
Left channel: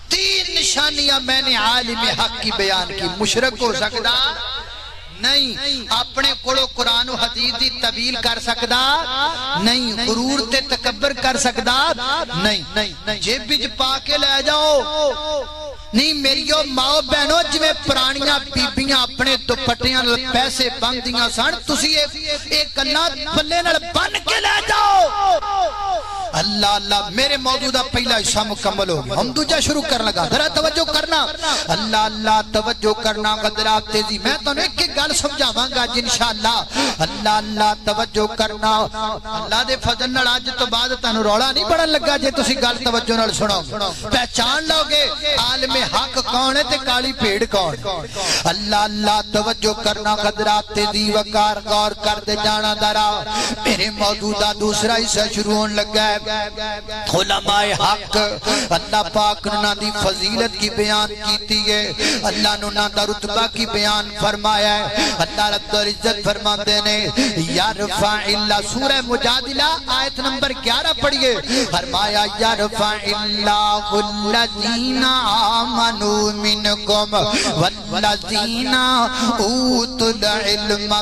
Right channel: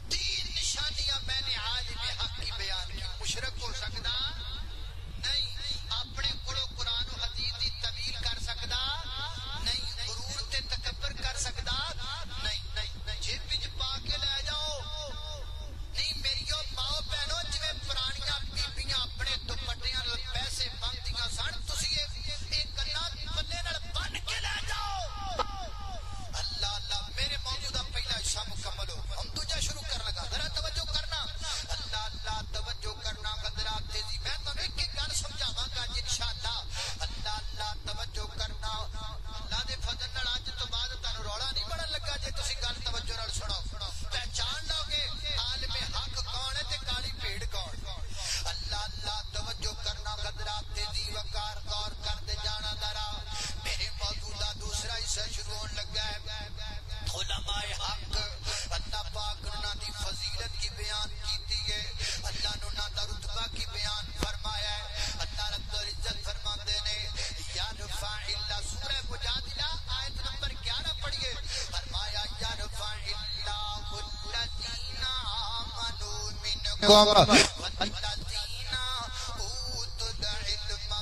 تین نشانیاں میں نے عالم حق کی بیان کی مشرک ہو سکتا نہیں اپنے کڑو قرآن و حدیث دی طویل کر سکدا نہیں غرور تے تکبر کر سکدا نہیں جیب بج پا کے لے جاؤ نہیں میریو ماں بہنوں جویں پرانیاں بیبیاں اپنے دوپٹیاں پیسے بندیاں سن تسی ایک کنا پلے نال بن کے لے جاؤ اللہ اللہ میرے موضوع دا پہلا حصہ مکمل ہو گیا ہم دوجہ شروع کر لگا ذرا توجہ کرنا اللہ اللہ توجہ کرنا قدرات تیزی میں تو ایک ایک گل سمجھاواں گا انشاءاللہ اللہ اللہ توجہ کرنا اللہ دے فضل نال اج تو بعد تانوں رولا نہیں بڑن لگا جے تسی گل توجہ نال سنو پہچان لو گے عالم حق کون ہے تے کالی بھیڑ کون اللہ اللہ توجہ کرنا قدرات تیزی وقار غور کر دے جانا درا میرے موضوع دا دوسرا حصہ شروع ہون لگا ہے علماء حق اللہ پاک نے دی فضیلت کی بیان کیتی ہے اللہ نے دا رتبہ کی بیان فرمایا ہے اللہ رب العزت فرماتے نے یرفع اللہ سورہ مجادلہ آیت نمبر 11 پڑھئے فرمایا یرفع اللہ الذین آمنوا منکم والذین اوتوا العلم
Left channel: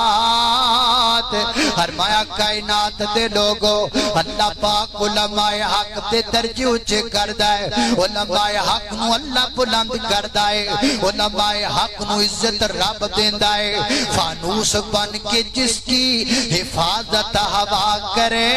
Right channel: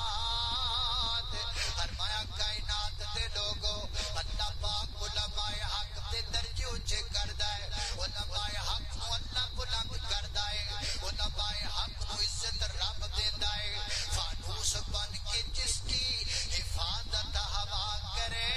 درجات فرمایا کائنات دے لوگو اللہ پاک علماء حق دے درجے اونچے کردا ہے علماء حق نو اللہ بلند کردا ہے علماء حق نو عزت رب دیندا ہے فانوس بن کے جس کی حفاظت ہوا کرے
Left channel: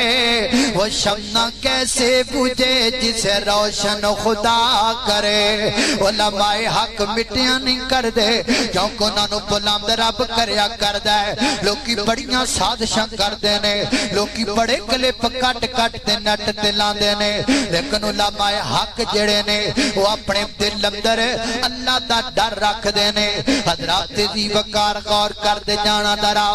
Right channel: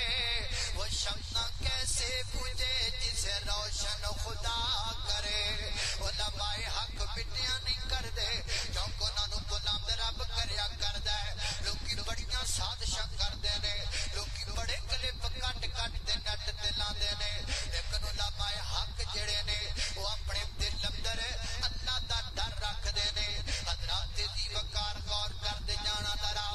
وہ شمع کیسے بجھے جسے روشن خدا کرے علماء حق مٹیاں نہیں کر دے کیونکہ انہاں نو بلند رب کریا کردا ہے لوکی بڑیاں سازشاں کردے نے لوکی بڑے کلپ کٹ کٹ تے نٹ تے لاندے نے لیکن علماء حق جڑے نے وہ اپنے دل اندر اللہ دا ڈر رکھ دے نے حضرات دی وقار غور کر دے جانا درا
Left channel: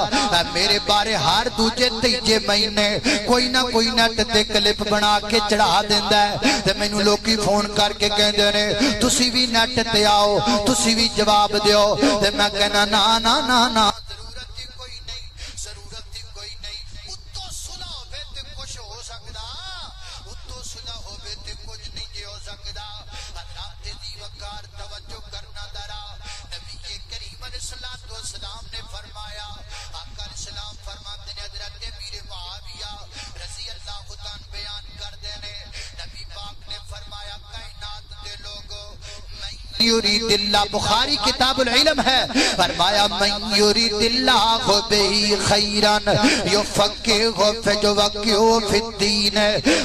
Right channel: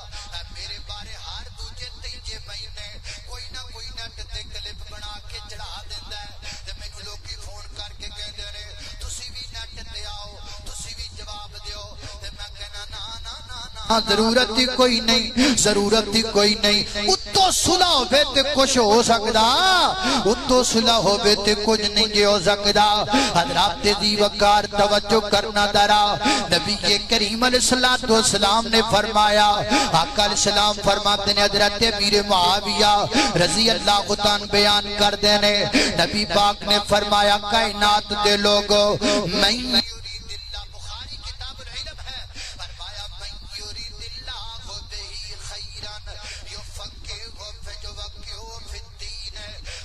میرے بارے ہر دوجے تیجے مہینے کوئی نہ کوئی نٹ تے کلپ بنا کے چڑھا دیندا ہے تے مینوں لوکی فون کر کے کہندے نے تسی بھی نٹ تے آؤ تسی بھی جواب دیو تے میں کہنا نا نا نا نا ضرورت ہی کوئی نہیں ضرورت ضرورت ہی کوئی نہیں اتو صلح ہوئے تے کچھ ہو سکدا اتو صلح ہوئے تے کچھ نہیں جے ہو سکدا حضرات دی وقار توجہ کرنا درا نبی کریم علیہ السلام نے فرمایا آقا علیہ السلام فرماتے ہیں حضرت امیر معاویہ رضی اللہ عنہ بیان کر دینے نبی پاک نے فرمایا کائنات دے لوگو من یرید اللہ بخاری کتاب العلم ہے فرمایا من یرید اللہ بہی خیرن یفقہہ فی الدین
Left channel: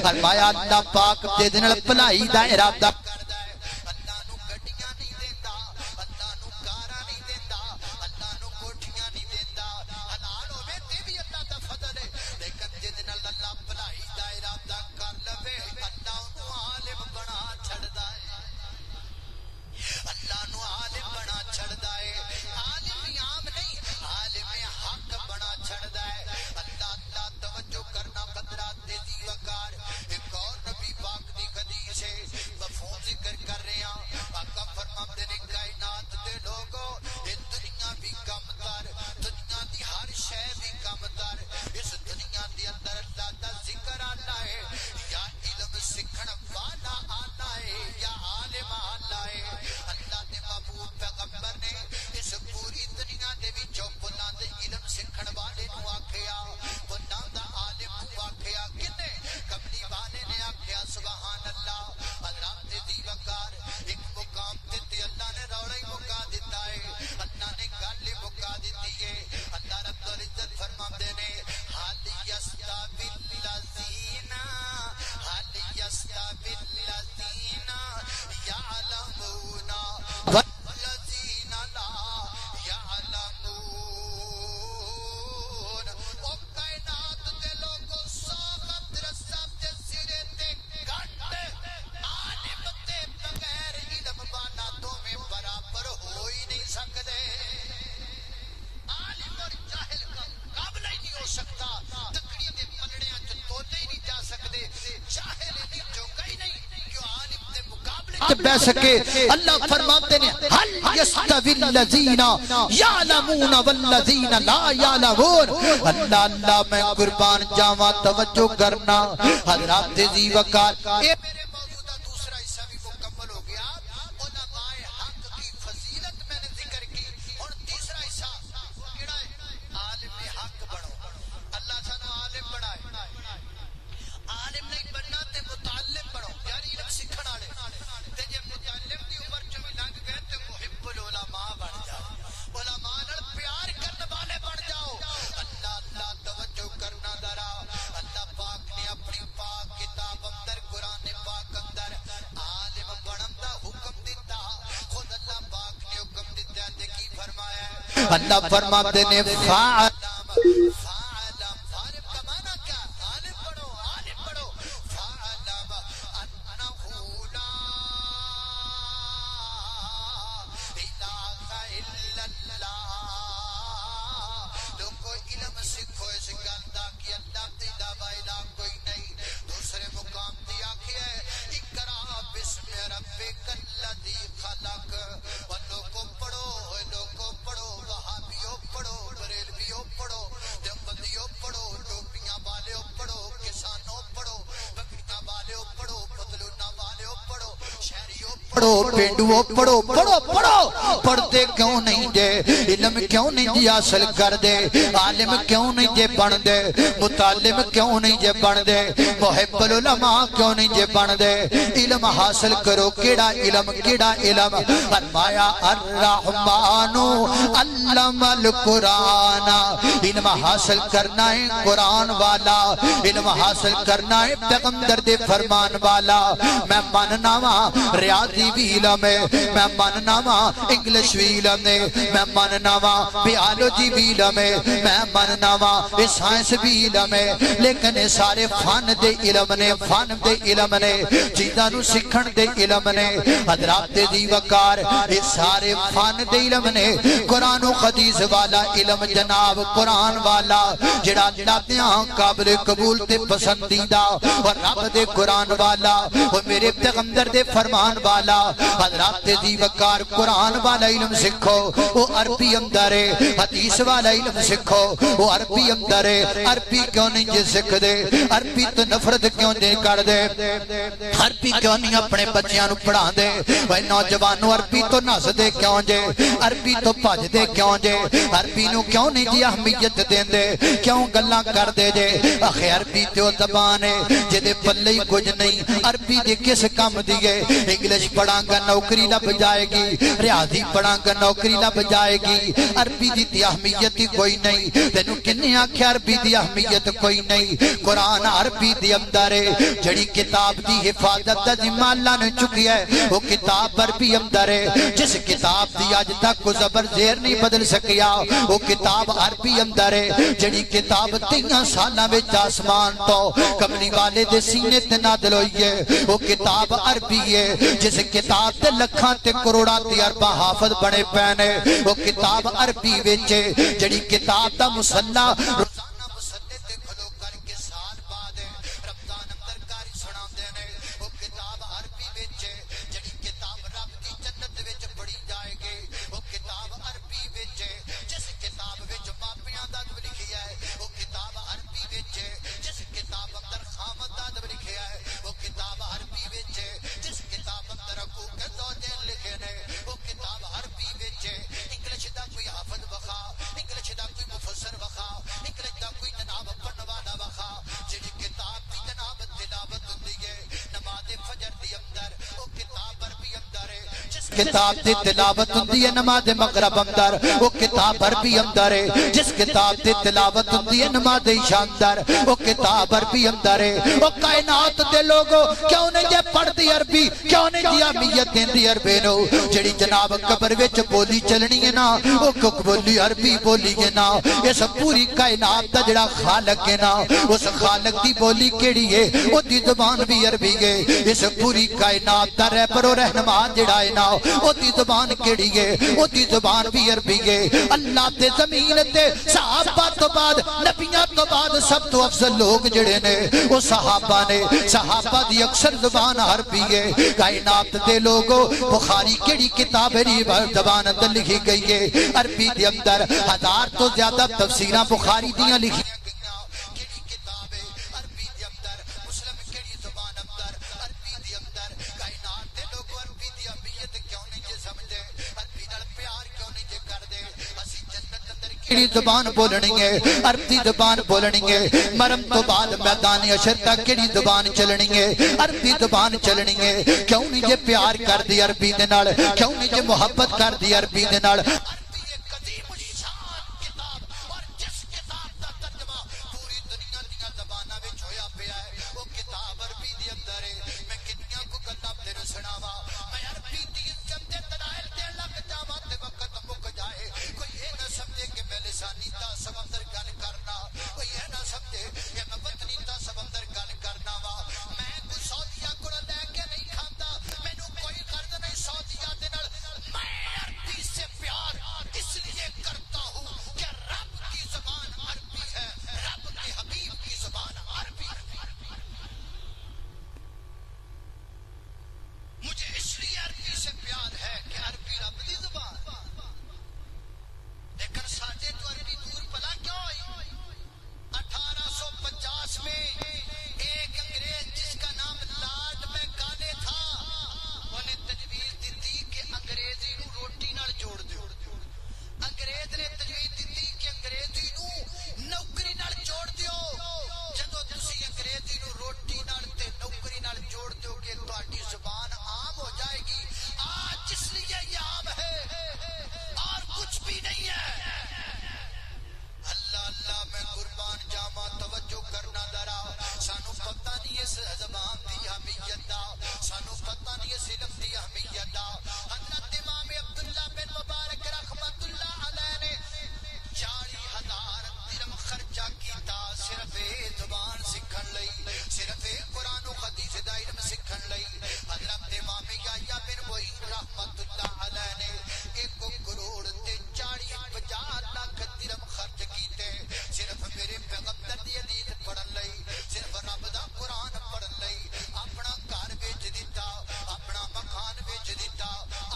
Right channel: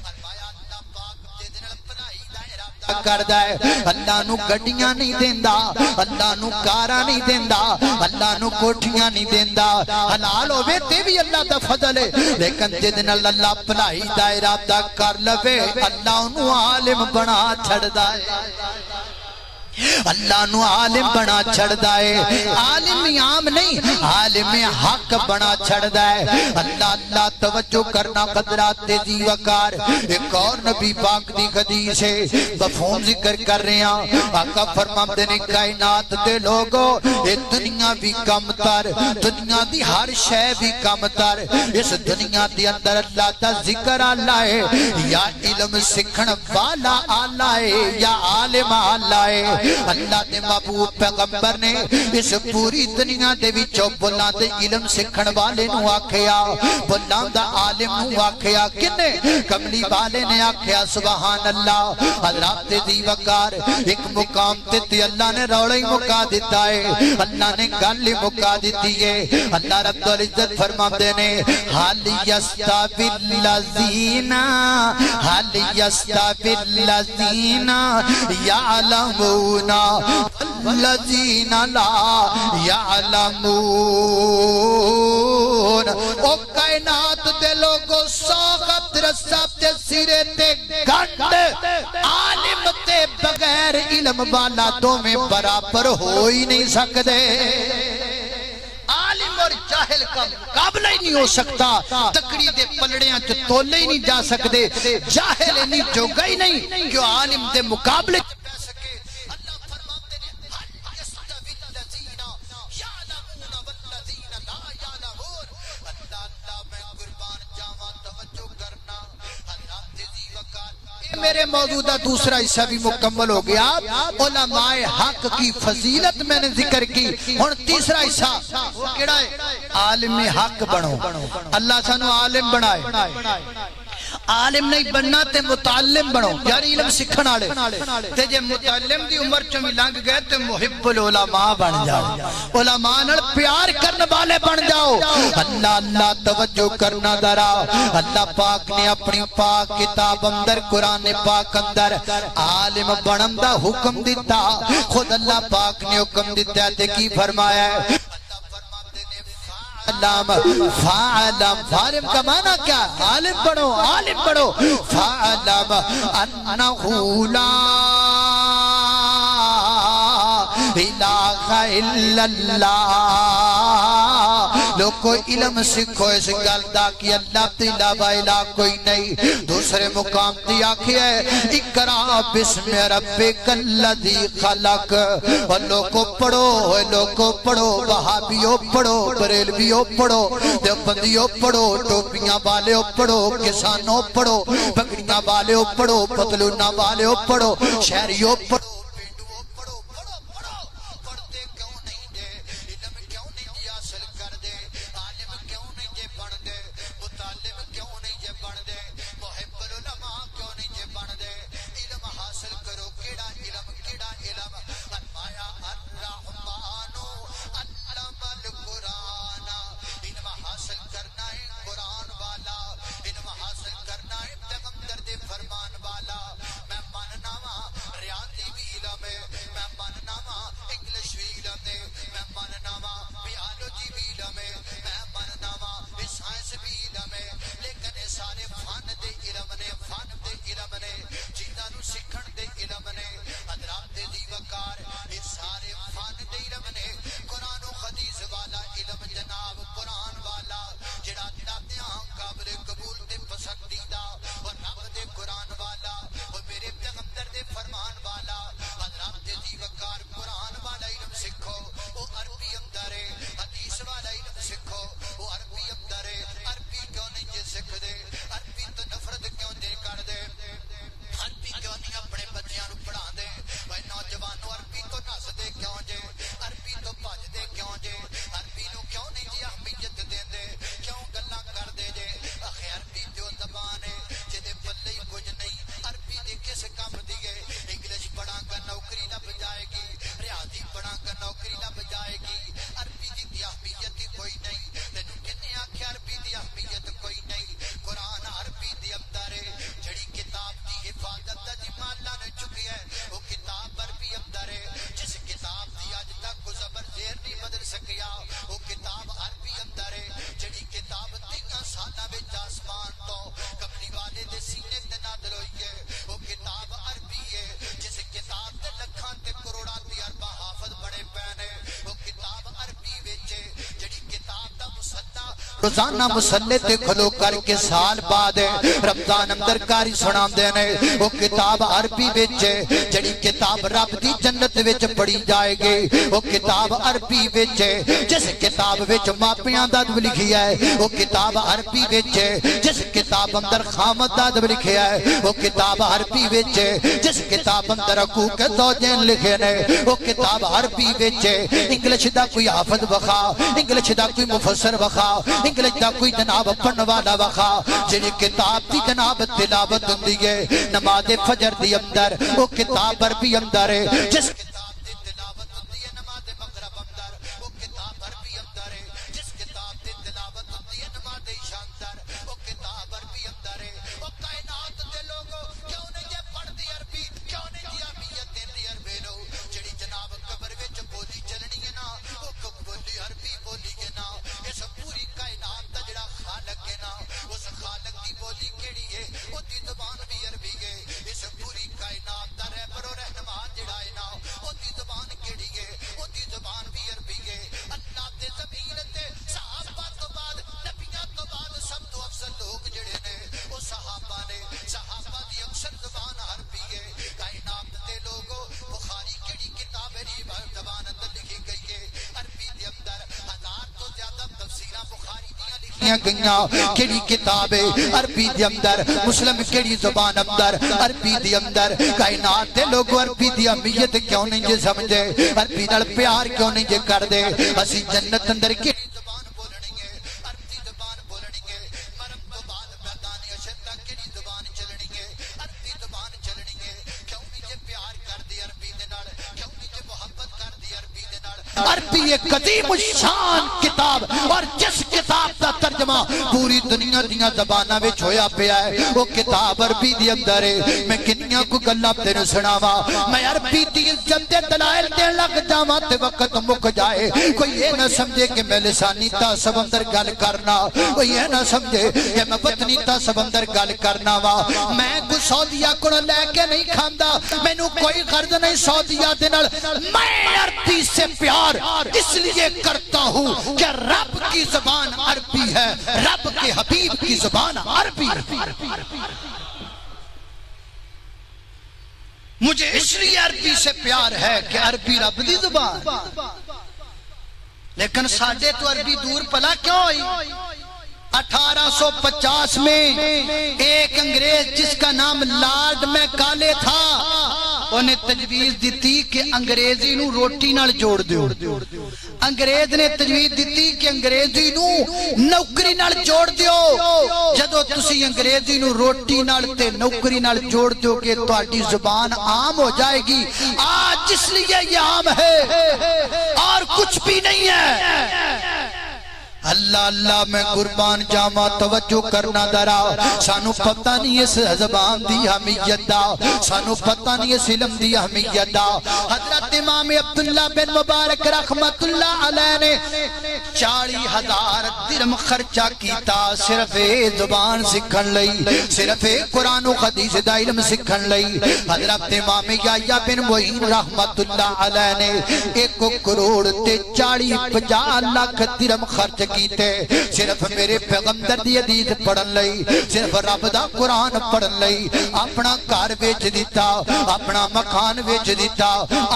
فرمایا اللہ پاک دے دن پلائی دا ارادہ کردہ ہے اللہ نو گڑیاں نہیں دیندہ اللہ نو کارا نہیں دیندہ اللہ نو کوٹھیاں نہیں دیندہ حلال ہوئے تے بھی اللہ دا فضل ہے لیکن دے دن اللہ پلائی دا ارادہ کر لوے اللہ انہوں عالم بنا چھڑ دائے اللہ نو عالم بنا چھڑ دائے عالم عام نہیں عالم حق بنا چھڑ دائے اللہ توجہ کرنا قدرات دی وقار ایک اور نبی پاک دی حدیث ہے مفہوم ذکر کر رہے ہیں آقا فرماتے نے کائنات دے لوگو یہ دنیا بھی کم تر دنیا دی ہر شے بھی کم تر اس دنیا دی اندر اللہ دا ذکر آلہ ہے یا علم سکھن والا آلہ ہے یا عالم آلہ ہے اللہ دے محبوب پیغمبر نے اس پوری دنیا دے وچوں بولاں دے علم سکھن والے نو آکھیا بولاں دا عالم نو آکھیا کنے کملی والے نے آکھیا سبحان اللہ حضرات دی وقار ایک مقام تے اللہ نے روڑا ہی مکا دیتا ہے اللہ نے گل ہی مکا دیتی ہے اللہ رب العزت فرماتے نے حال یستوی الذین حال یستوی الذین یعلمون والذین لا یعلمون او کائنات دے لوگوں سوغت رساب تے سیرے تے گھنڈ عالم تے بغیر علم والا دو میں برابر ہو ہی نہیں سکتے عالم اور جاہل کا مقابلہ ہی نہیں ہو سکتا تکڑی دے پلڑیاں جو تولے ہی نہیں جا سکتے جاہل نہیں جو گئی نہیں کہ عالم دے مقابلے سے بہ سکے اللہ فرماتے ہیں حل یستوی الذین یعلمون والذین لا یعلمون اللہ میں قربان جاواں توجہ کرنا حضرات دی وقار اے میرے موجودہ دوسرا حصہ بھی مکمل ہو گیا علماء حق کی فضیلت میں نے ذکر کی اور تیسرا حصہ وہ کیڑا ہے عالم حق بنو اللہ سانو عالم بنائے عالم نہیں بننا تے متعلم بنو یعنی علم سکھن آلے تے جے متعلم دی عمر چمی لنگ گئے تے محب العلماء بن جاؤ علماء نال پیار کرنے والے بن جاؤ اللہ توجہ کرنا درا اللہ پاک نے اپنی پاک کتاب اندر قرآن پاک اندر عالم بنن دا حکم دیتا خود اللہ پاک نے حکم دیتا تے کی فرمایا ہے اللہ فرماتے نے فعلم فعلم کا معنی کیا عالم بنو عالم پڑھو فَعَلَمَ أَنَّهُ لَا إِلَٰهَ إِلَّا اللَّهِ لوگو علم سکھو اس گلدہ کی اللہ تیلہ الہ کوئی نہیں دوسرے مقام دی آکھی ہے اقرا بسم ربک الذی خلق اور لوگو پڑھو وہابیوں پڑھو بریلویوں پڑھو دیوبندیوں پڑھو ٹوپیاں والے پڑھو کسانوں پڑھو پگڑیاں والے پڑھو پتلونہ والے پڑھو شہریوں پڑھو پینڈوں پڑھو پڑھتے کیوں نہیں دے علم کیوں نہیں دے حاصل کر دے عالم کیوں نہیں جے بن دے متعلم کیوں نہیں جے بن دے محب العلماء کیوں نہیں جے بن دے علم حاصل کرو کیڑا علم فرمایا الرحمن علم القرآن علم حاصل کرنا ہے قرآن والا علم حاصل کرنا ہے پیغمبر دے فرمان والا میں ماننا وا ریاضی بھی علم ہے میں ماننا وا انگلش بھی علم ہے میں ماننا وا بیالوجی بھی علم ہے میں ماننا وا سائنس بھی علم ہے لیکن سارے فن دے علم نے چیزاں نو سکھن دے علم نے حضرات دی وقار سارے فن دے علم نے قرآن و حدیث والا علم جناب قرآن والا جڑا دیاں قابل قبول تے پسندیدہ اور رب دے قرآن والا اور میرے پیغمبر دے فرمان والا حضرات دی وقار قرآن والا علم سکھو وہ عربی اندر ہے حدیث والا علم سکھو وہ عربی اندر ہے عربی کیوں نہیں جے سکھ دے عربی تو نفرت کیوں دے کر دے عربی کیوں نہیں اپنے بچیاں نو پڑھا دے وہ نوجوانوں عربی تو نس دے کیوں جے عربی تو بھج دے کیوں جے عربی نو کیوں نہیں جی اہمیت دین دے کیوں گلاں کر دے جے آخے عربی تو زبان ہے جدے پلے ہی کچھ نہیں عربی دے کس کام دیئے انگلش پڑھاں گا نوکری لب جائے گی ریاضی پڑھاں گا نوکری لب جائے گی عربی دی اہمیت کوئی نہیں تینوں کنے آکھیا عربی دی اہمیت کوئی نہیں قرآن عربی دی اندر ہے جڑی کتاب دی حفاظت دا ذمہ اللہ نے چکی ہے وہ کتاب عربی اندر ہے جس کتاب دی آج تک کو زبر زیر نہیں بدل سکیا وہ کتاب عربی اندر ہے جڑی کتاب 3 سالاں وچ آسمان تو کملی والے دے سینے تے نازل ہوئی ہے وہ کتاب عربی ہے جس کتاب تے لکھاں تے کروڑاں تے ارباں حافظ بنے پینے وہ کتاب عربی وچ جڑی کتاب دا مصلی روزانہ مصلی تے کھلو کر کے سال بعد رمضان اندر کاری سناندے نے وہ کتاب عربی وچ جڑی کتاب رب دی جنت وچ پڑھی جائے گی وہ کتاب عربی وچ جس کتاب وچ ماپیاں دا ادب لکھیا ہے وہ کتاب عربی وچ جس کتاب اندر خامد دا ادب لکھیا ہے وہ کتاب عربی وچ جس کتاب اندر حقوق زوجین لکھے نے وہ کتاب عربی وچ انگلش دا کوئی حافظ وخا انگلش دا کوئی مفسر وخا انگلش دا کوئی جناب پڑھن والا وخا جڑی کتاب دی جناب تلاوت ہوندی ہے نماز فجر دی اندر وہ کتاب عربی اندر ہے جس کتاب دی تلاوت ہوندی ہے نماز مغرب اندر وہ کتاب عربی اندر ہے جس کتاب دی تلاوت ہوندی ہے نماز عشاء اندر وہ کتاب عربی اندر ہے وہ کائنات دے لوگوں کیوں نہیں جے پڑھ دی عربی کیوں نہیں دی اہمیت دیندی عربی نو جڑی جناب قبر وچ بولی چلنی ہے نا وہ بولی عربی بولی ہے نا اس پوری کائنات دا جڑا خالق ہے نا اس خالق دی بولی کیڑی ہے وہ دی زبان بھی عربی ہے اس پوری کائنات دا رہبر و رہنما جڑا ہے نا وہ دی زبان کیڑی ہے وہ دی زبان بھی عربی ہے اللہ تے زمین تے صحابہ تو بعد نبیاں تو بعد سب تو افضل لوگ جڑے نے وہ صحابہ نے صحابہ دی اکثر زبان عربی ہے کائنات دے لوگوں بخاری کیڑی کتاب ہے زبان اندر لکھی گئی ہے عربی دے اندر 1000 تو زیادہ تفسیراں بخاری دیاں لکھیاں گئیاں کیڑی کتاب ہے عربی دے اندر مسلم کیڑی زبان اندر عربی دے اندر کائنات دے لوگوں عربی دی اہمیت کیوں نہیں جے سمجھے عربی نال پیار کیوں نہیں جے کر دے اسی جنت اندر کیڑی زبان بولنی ہے عربی زبان بولنی ہے مرم تو بعد میدان حشر تک کیڑی زبان چلنی ہے عربی زبان چلنی ہے کیوں نہیں جے پیار کر دی عربی دے نال کیوں نہیں جے محبت کر دی عربی دے نال عربی ایک قدیم الشان کتاب اور جس کتاب دا ترجمہ پوری دنیا دیاں زباناں وچ ہویا پیا ہے وہ کتاب عربی دے اندر ہے میں کنیاں کو گلاں تینوں سناواں میں عربی دی چند دلائل دین لگ جاواں تے وقت مک جائے کوئی یہ نہ سمجھے کہ میں لسانی تعصب اندر گل کرنا کوئی یہ نہ سمجھے کہ میں وطنی تعصب اندر گل کرنا وا میں کوئی سعودیہ کو لے کے نہیں کھاندا مینوں کوئی غرض نہیں سعودیہ دے نال میں عربی سے پیار اس لیے کرتا ہوں کہ رب کی زبان عربی ہے رب کے حبیب کی زبان عربی مجھے اس لیے عربی سے پیار ہے کہ عربی رب دی زبان لیکن ساڈے تو عربی دور پلا کیوں ہوئی 1850 میں ایک انگریز جس کا نام لارڈ میکالے تھا انہیں تجویز دیتی کہ انگریزی نو روٹی نال جوڑ دیو انگریز نے تجویز دیتی کہ انگریزی نو نوکری نال جوڑ دیو جدو تسی انگریزی نو روٹی نال تے نوکری نال جوڑ دیو کہ تہاڈی زبان عام ہو جائے گی آج اس لیے یہ عام ہے اور کچھ بھی نہیں ہے اللہ اللہ میں قربان جاما توجہ کرنا درا سانو پتہ نہیں اس زبان دی اہمیت دا سانو پتہ نہیں اس علم دی اہمیت دا حضرت امام عبداللہ بن مبارک رحمت اللہ علیہ نے 40,000 درہم خرچہ کیتا صرف زبان سکھن لئی صرف قرآن و حدیث دا علم سکھن لئی حضرت امام یحییٰ بن معین رحمت اللہ علیہ نے 1 کروڑ تے 40-50 لاکھ درہم خرچ کیتے صرف میرے پیغمبر دی حدیث پڑھن لئی صرف رب دا قرآن پڑھن لئی اپنا گھر ویچ دیتا اپنا مکان ویچ دیتا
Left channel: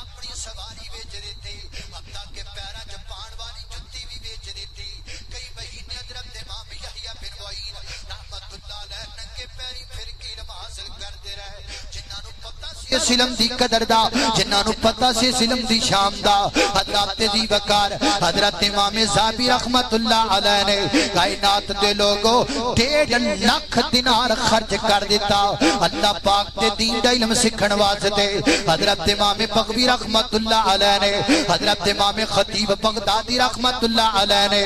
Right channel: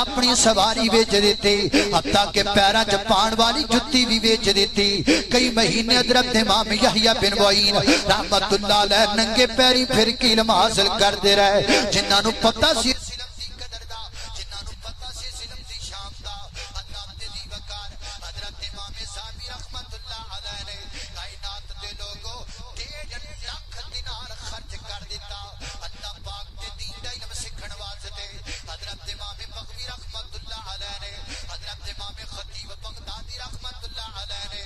اپنی سواری ویچ دیتی حتیٰ کہ پیراں چ پان والی جُتی بھی بیچ دیتی کئی مہینے حضرت امام یحییٰ بن معین رحمت اللہ علیہ ننگے پیری پھر کے علم حاصل کر دے رہے جنہاں نو پتہ سی اس علم دی قدر دا جنہاں نو پتہ سی اس علم دی شام دا حضرت دی وقار حضرت امام زابی رحمت اللہ علیہ نے کائنات دے لوگوں 1.5 لاکھ دینار خرچ کر دیتا اللہ پاک دے دین دا علم سکھن واسطے حضرت امام بغوی رحمت اللہ علیہ نے حضرت امام خطیب بغدادی رحمت اللہ علیہ نے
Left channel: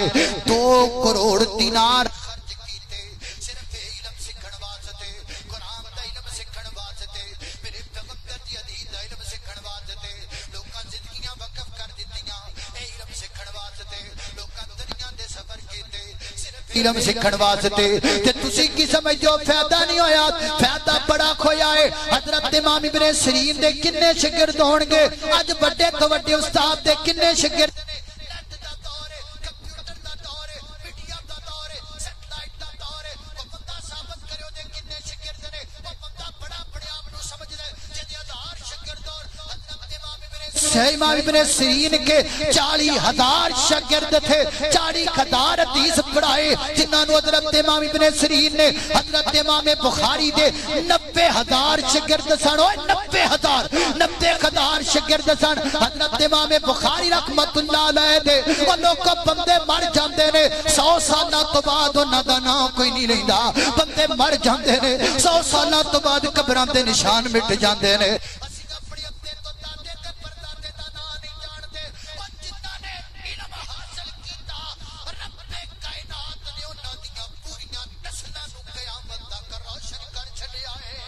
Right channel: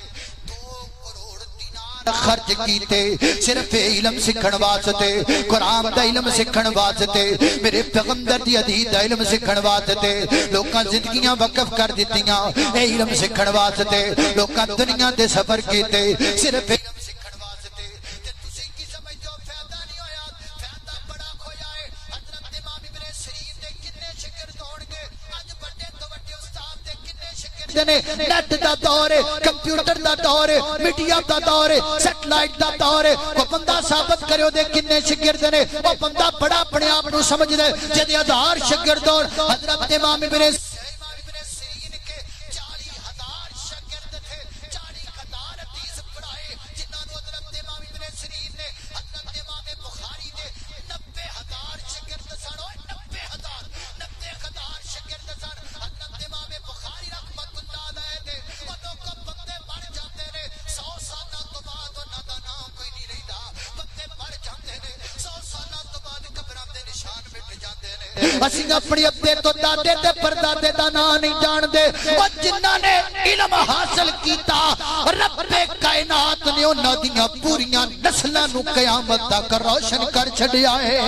2 کروڑ دینار خرچ کیتے صرف علم سکھن واسطے قرآن دا علم سکھن واسطے میرے پیغمبر دی حدیث دا علم سکھن واسطے لوکاں زندگیاں وقف کر دیتیاں اے علم سکھن واسطے لوکاں دنیا دے سفر کیتے صرف علم سکھن واسطے تے تسی کی سمجھو فائدہ نہیں ہویا فائدہ بڑا کھویا ہے حضرت امام ابن سیرین دے کنے شاگرد ہون گے اج بڑے تو بڑے استاد دے کنے شاگرد نے نیٹ دا دور ہے کمپیوٹر دا دور ہے میڈیا دا دور ہے سیٹلائٹ دا دور ہے وہ بندہ ثابت کرے دے کنے شاگرد نے وہ بندہ بڑا اپنے آپ نو سمجھ دے جدی 1000 شاگرد اور حضرت امام ابن سیرین کے 40,000 شاگرد تھے 40,000 حدیث پڑھائے جنہاں نو حضرت امام ابن سیرین نے حضرت امام بخاری دے 90,000 شاگرد سن 90,000 شاگرد سن حضرت امام بخاری رحمت اللہ علیہ دے وہ لوگ بندے مر جاندے نے 100 سالہ تو بعد انہاں دا نام کوئی نہیں لیندا بندے مر جاندے نے 100 سالہ تو بعد قبراں دے نشان مٹ جاندے نے اسی اپنی ابے تو دادے تے پردادے دا نام نہیں جان دے او جنہاں نے علم حاصل کیتا رب کائنات نے انہاں دیاں پوریاں نسلاں نو قیامت تک روشن کر چھڈیا ہے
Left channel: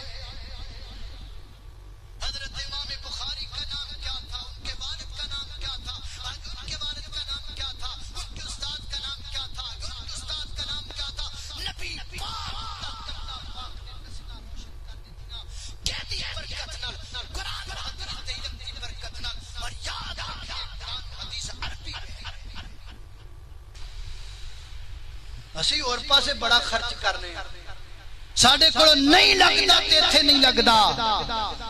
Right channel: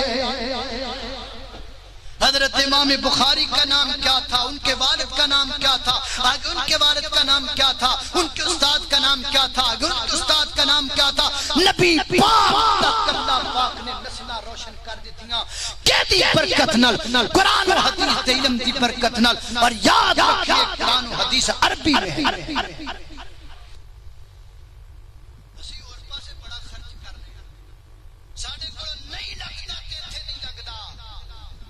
حضرت امام بخاری کا نام کیا تھا ان کے والد کا نام کیا تھا آگے ان کے والد کا نام کیا تھا ان کے استاد کا نام کیا تھا آگے ان کے استاد کا نام کیا تھا نبی پاک تک اللہ پاک نے نسلہ روشن کر دیتیاں کہتی برکت نل قرآن و حدیث دے علم دی برکت نل اور یاد رکھئے قرآن و حدیث عربی میں اسی اور پاسے بڑا خرچ کرنے ساڑھے کو نہیں لگتا تے تھے نہیں لگتا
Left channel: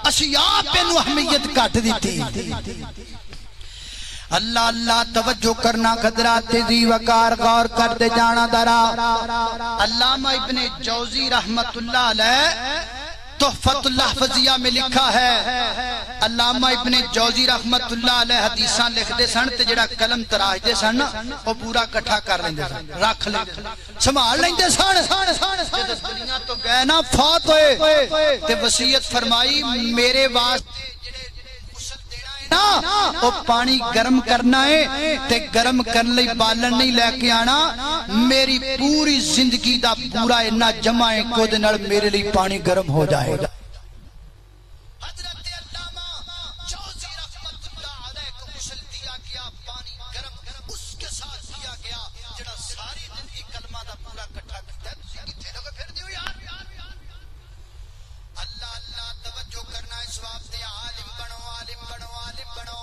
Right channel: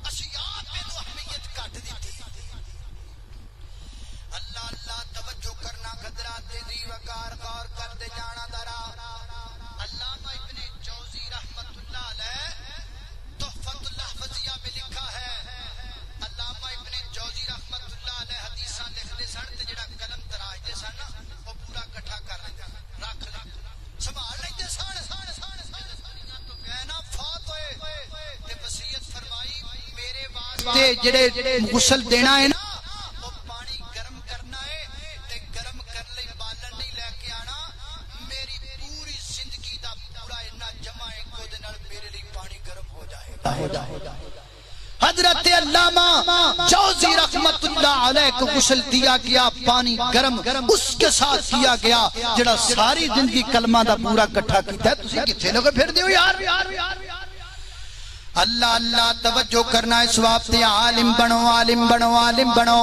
اسی آپ انو اہمیت کٹ دیتی اللہ اللہ توجہ کرنا قدرات تیزی وقار غور کر دے جانا درا علامہ ابن جوزی رحمت اللہ علیہ تحفت الحفظیہ میں لکھا ہے علامہ ابن جوزی رحمت اللہ علیہ حدیثاں لکھ دے سن تے جڑا قلم تراج دے سن وہ پورا کٹھا کر لیں دے سن رکھ لیں دے سنبھال لیں دے سن جدس دنیا تو گئے نا فوت ہوئے تے وصیت فرمائی میرے واسطے جڑے غسل دینا ہے نا وہ پانی گرم کرنا ہے تے گرم کرنے لئی بالن نہیں لے کے آنا میری پوری زندگی دا پورا انہا جمع ہے کو دے نڑ میرے لئی پانی گرم ہو جائے حضرت علامہ جوزی رحمت اللہ علیہ کو غسل دیا گیا پانی گرم اس کے ساتھ دیا گیا جڑا ساری زندگی کلمہ دا پورا کٹھا کیتا ہے تسی کتھے لوگے پھر دیو یار اللہ اللہ توجہ کرنا ہے سوابتے عالم بنو عالم بنو عالم بنو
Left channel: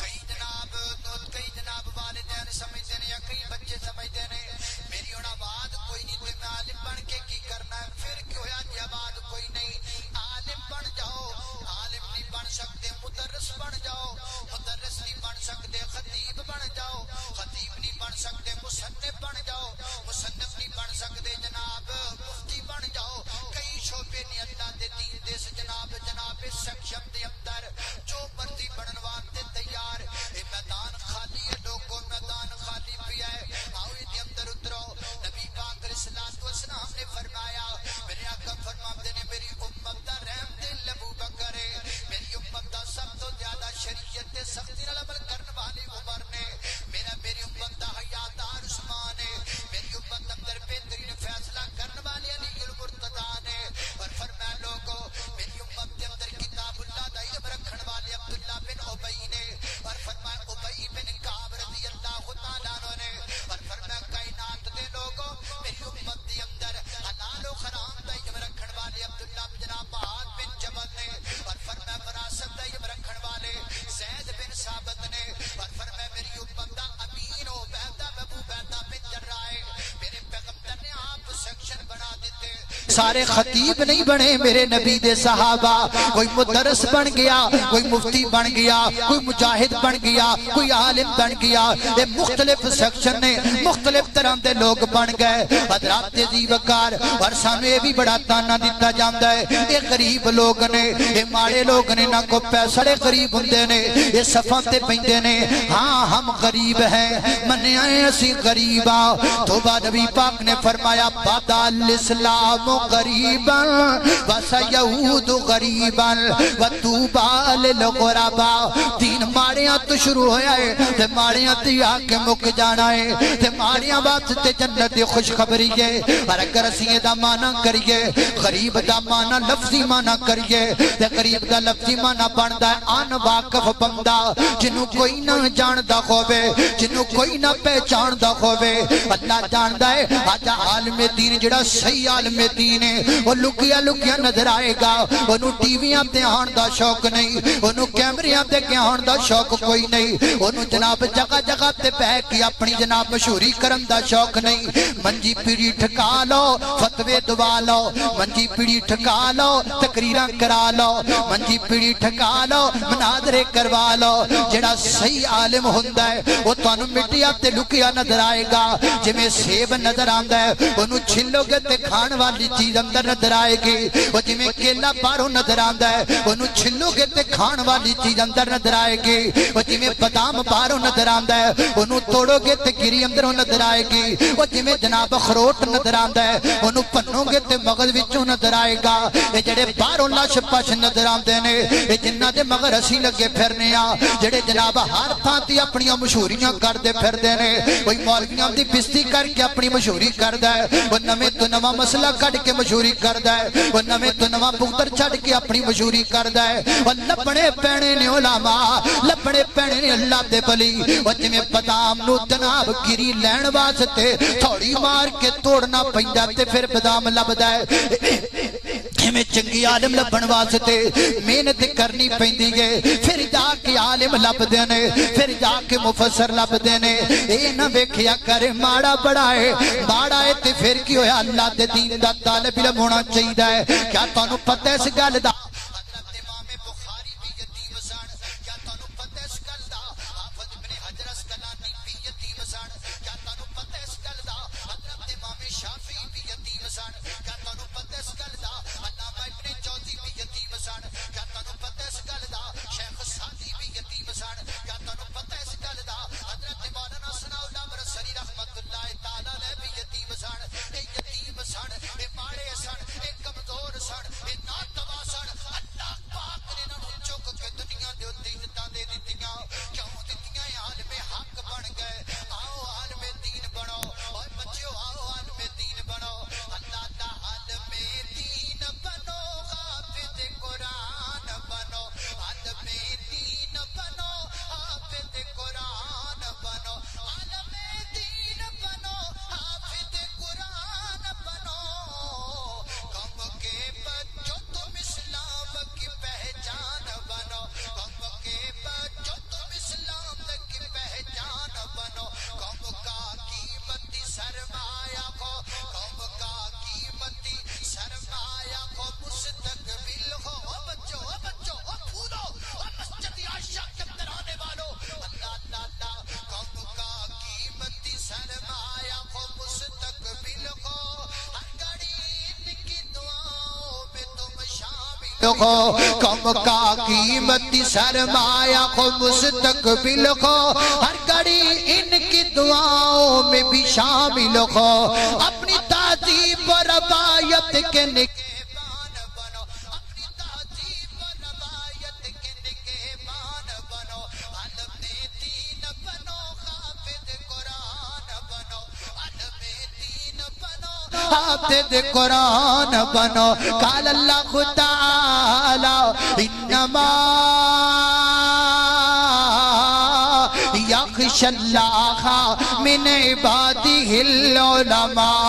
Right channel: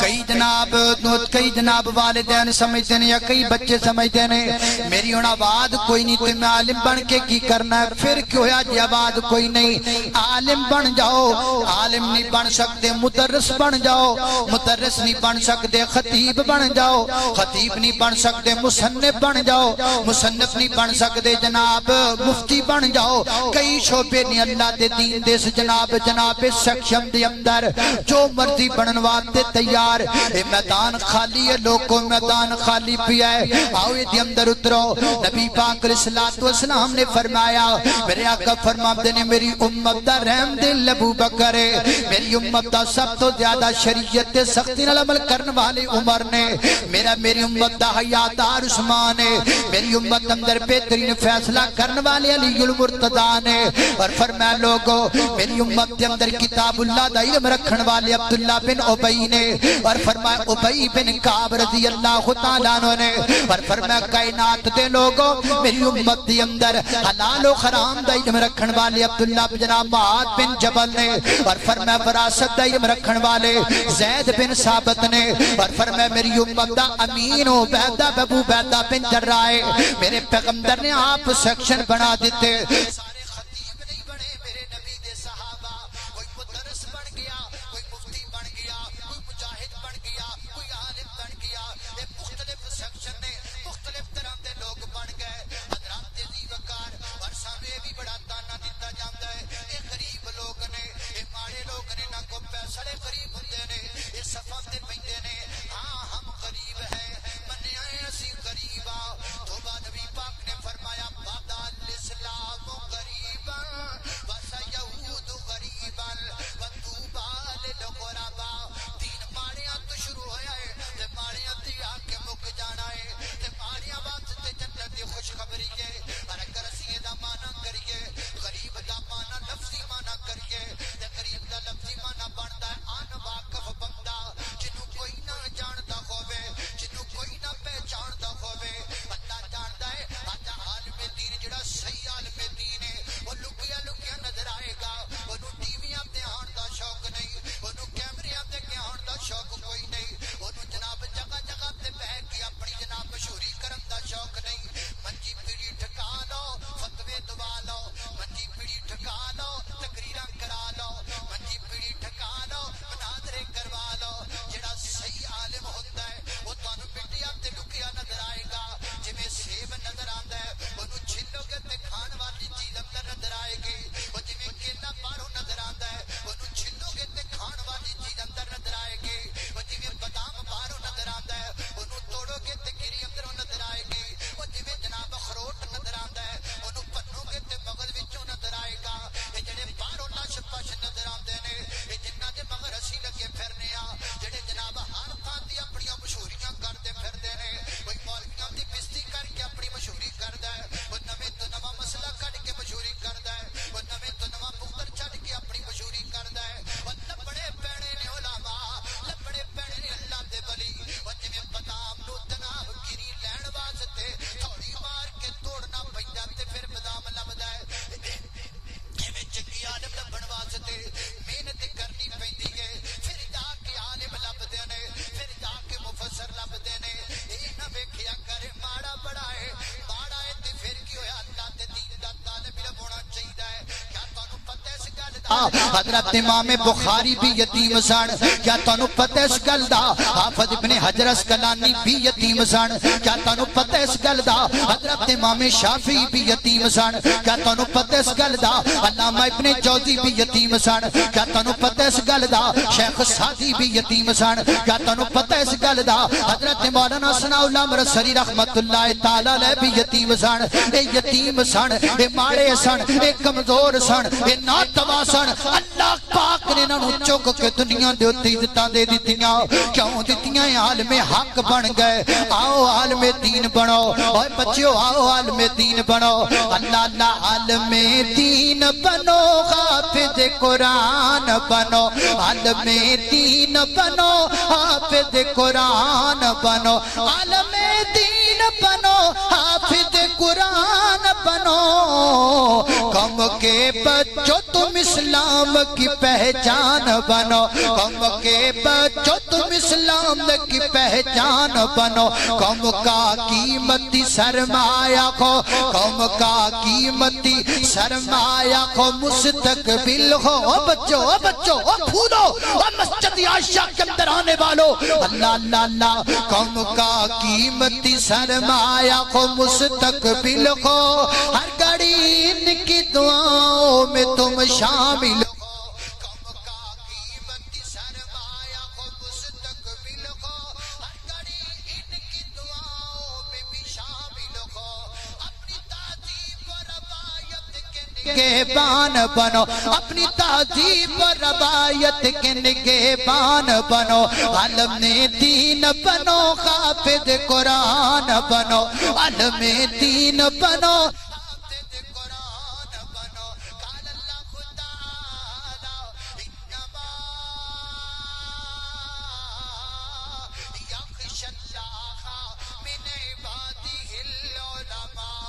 کئی جناب والدین سمجھتے ہیں یا کئی بچے سمجھتے ہیں میری انہا آباد کوئی نہیں تو میں عالم بن کے کی کرنا ہے پھر کیوں ہے جی آباد کوئی نہیں عالم بن جاؤ عالم نہیں بن سکتے مدرس بن جاؤ مدرس نہیں بن سکتے خطیب بن جاؤ خطیب نہیں بن سکتے مصنف بن جاؤ مصنف نہیں بن سکتے جناب مفتی بن جاؤ کئی شعبے نہیں اللہ دے دین دے جناب سیکشن دے اندر جو مرضی بننواتے تیار اے میدان خالی ہے لوگوں میدان خالی پیا ہے آؤ یہ دے اندر اترو نبی پاک علیہ السلام نے فرمایا میرے آقا فرماتے نے میری امت دا رحم دل ابو بکر ہے میری امت دا سب تو زیادہ شریعت دے سختی نال عمل کرنے والے عمر نے میری امت دا حیادار عثمان ہے میری امت اندر بہترین فیصلہ کرنے والے علی المرتضی نے اور فرمایا لوگ میری امت کے اندر کتاب اللہ دا علم رکھن والے عبداللہ بن عبی نے اور فرمایا عبی بن کعب رضی اللہ تعالیٰ عنہ نے اور فرمایا کائنات دے لوگوں میری امت کے اندر حلال و حرام دا علم رکھن والے عبداللہ جناب معاذ بن جبل نے اور فرمایا وراثت دا علم رکھن والے زید بن ثابت نے اور فرمایا میری امت دا امین و عبیدہ ابو عبیدہ بن جراح میرے پیغمبر نے آپ سیکشن بنا دیتے سارے خطیب نہیں بنے میرے نبی دے صحابہ کوئی مدرس بن گیا کوئی مفتی بن گیا کوئی مجاہد بن گیا کوئی عالم بن گیا یہ مختلف سیکشن نے مختلف طرح دے لوگ بن گئے حضرات عزیز وقار اور سانو یہ بھی بڑا تانا دیتا جاندا ہے یہ غریب لوگ نے یہ ماڑے لوگ نے نہ کو پیسے غریب ہوندے نے یہ صفاں تے پیندے نے ہاں ہم غریب ہیں منیا اسی غریب ہاں توبہ نبی پاک نے فرمایا بدا الاسلام غریبا وسیعود غریبا وطوبى للغرباء دین ماڑیاں تو شروع ہویا ہے تے ماڑیاں تے آ کے مک جانا ہے تے ماڑیاں واسطے جنت دی خوشخبری ہے اور اگر اسی دا معنی کریے غریب دا معنی لفظی معنی کریے تے غریب دا لفظی معنی بندا ہے ان واقف بندہ جنوں کوئی نہ جاندا ہووے جنوں کوئی نہ پہچاندا ہووے اللہ جاندا ہے اج عالم دین جڑا صحیح عالم دین ہے وہ لکیا لکیا نظر آئے گا اونوں ٹی ویاں تے آن دا شوق نہیں اونوں کیمریاں تے آن دا شوق کوئی نہیں اونوں جناب جگہ جگہ تے بیٹھ کے اپنی جناب مشہوری کرن دا شوق نہیں منجی پیڑی ٹھکا لو فتوی دوا لو منجی پیڑی ٹھکا لو تقریراں کرا لو منجی پیڑی ٹھکا لو مناظرے کروا لو جڑا صحیح عالم ہوندا ہے وہ تانوں مٹیا تے لکیا نظر آئے گا جویں سیب نظر آندا ہے اونوں چھلو گے تے کھان والی چیز اندر نظر آئے گی وہ جویں کیلا باہروں نظر آندا ہے اونوں چھلو گے تے کھان والی چیز اندر نظر آئے گی وہ جویں بادام باہروں نظر آندا ہے اونوں توڑو گے تے گری اندروں نظر آئے گی وہ جویں جناب اخروٹ نظر آندا ہے اونوں پنو گے تے مغز وچوں نظر آئے گا اے جڑے باہروں لش پش نظر آندے نے اے جنہاں دے مگر اسی لگے پھرنے آ جڑے جناب ہر تھاں تے اپنی مشہوریاں کردے پھردے نے کوئی مولویاں دی بستی کر کے اپنی مشہوری کردا ہے وہ نویں تو نواں مسئلہ کڈ کے مشہوری کردا ہے وہ نویں تو نواں پتر چھڈ کے اپنی مشہوری کردا ہے وہ لبنے پینے نے علماء لبنے پینے نے اللہ دے ولی وہ جویں بادام نو جناب گری لین واسطے تھوڑی مار کے توڑنا پیندا تے پھر بادام لبدا ہے میں چنگی عالم لبن واسطے محنت کرنی پیندی ہے پھر جا کے عالم لبدے نے پھر جا کے مفسر لبدے نے اے نہ ویکھیا کرے ماڑا بڑا ہے ماڑا ہے تے پھر کی ہویا اللہ دے دین دا طالب علم ہونا چاہیدا ہے کیا تانوں پتہ اس گل دا حضرت امام بخاری بھی یتیم سن کیا تانوں پتہ اس گل دا حافظ ابن حجر اسقلانی بھی یتیم سن کیا تانوں پتہ اس گل دا حضرت امام شافعی بھی یتیم سن کیا تانوں پتہ اس گل دا علامہ ابن جوزی بھی یتیم سن کیا تانوں پتہ اس گل دا شیخ سعدی بھی یتیم سن کیا تانوں پتہ اس گل دا حضرت مولانا ثناء اللہ مرسری رحمت اللہ تعالی علیہ بھی یتیم سن اے یتیم سن اے ماڑے سن اے کمزور سن اے ناتوا سن اللہ پاک نے انہاں نوں چک کے دنیا دے اوتے عزتاں دے دتیاں کیوں دتیاں عالم حق بن گئے آؤ عالم دین بنو اوے بچیو آؤ عالم دین بنو اللہ اللہ عالم دین بنو حافظ قرآن بنو عالم دین بنو حافظ قرآن بنو عالم دین بنو حافظ قرآن بنو قوم کے بچوں تم اسلام کی پہچان بنو قوم کے بچوں تم اسلام کی پہچان بنو قوم کا قیمتی سرمایہ کو قوم کا قیمتی سرمایہ کو مستقبل ہو بچوں پھولو مسجد عائشہ کے اندر آنے والو اللہ اللہ اللہ قوم کا قیمتی سرمایہ کو مستقبل ہو ہر گھڑی ان کی دعاؤں میں تم شامل ہو قوم کا قیمتی سرمایہ کو مستقبل ہو ہر گھڑی ان کی دعاؤں میں بھی شامل ہو اپنی تہذیب و روایت کے نگہبان بنو اپنی تہذیب و روایت کے نگہبان بنو عالم دین بنو حافظ قرآن بنو عالم دین بنو حافظ قرآن بنو قال اللہ تعالی انما یخشی اللہ من عبادہ العلماء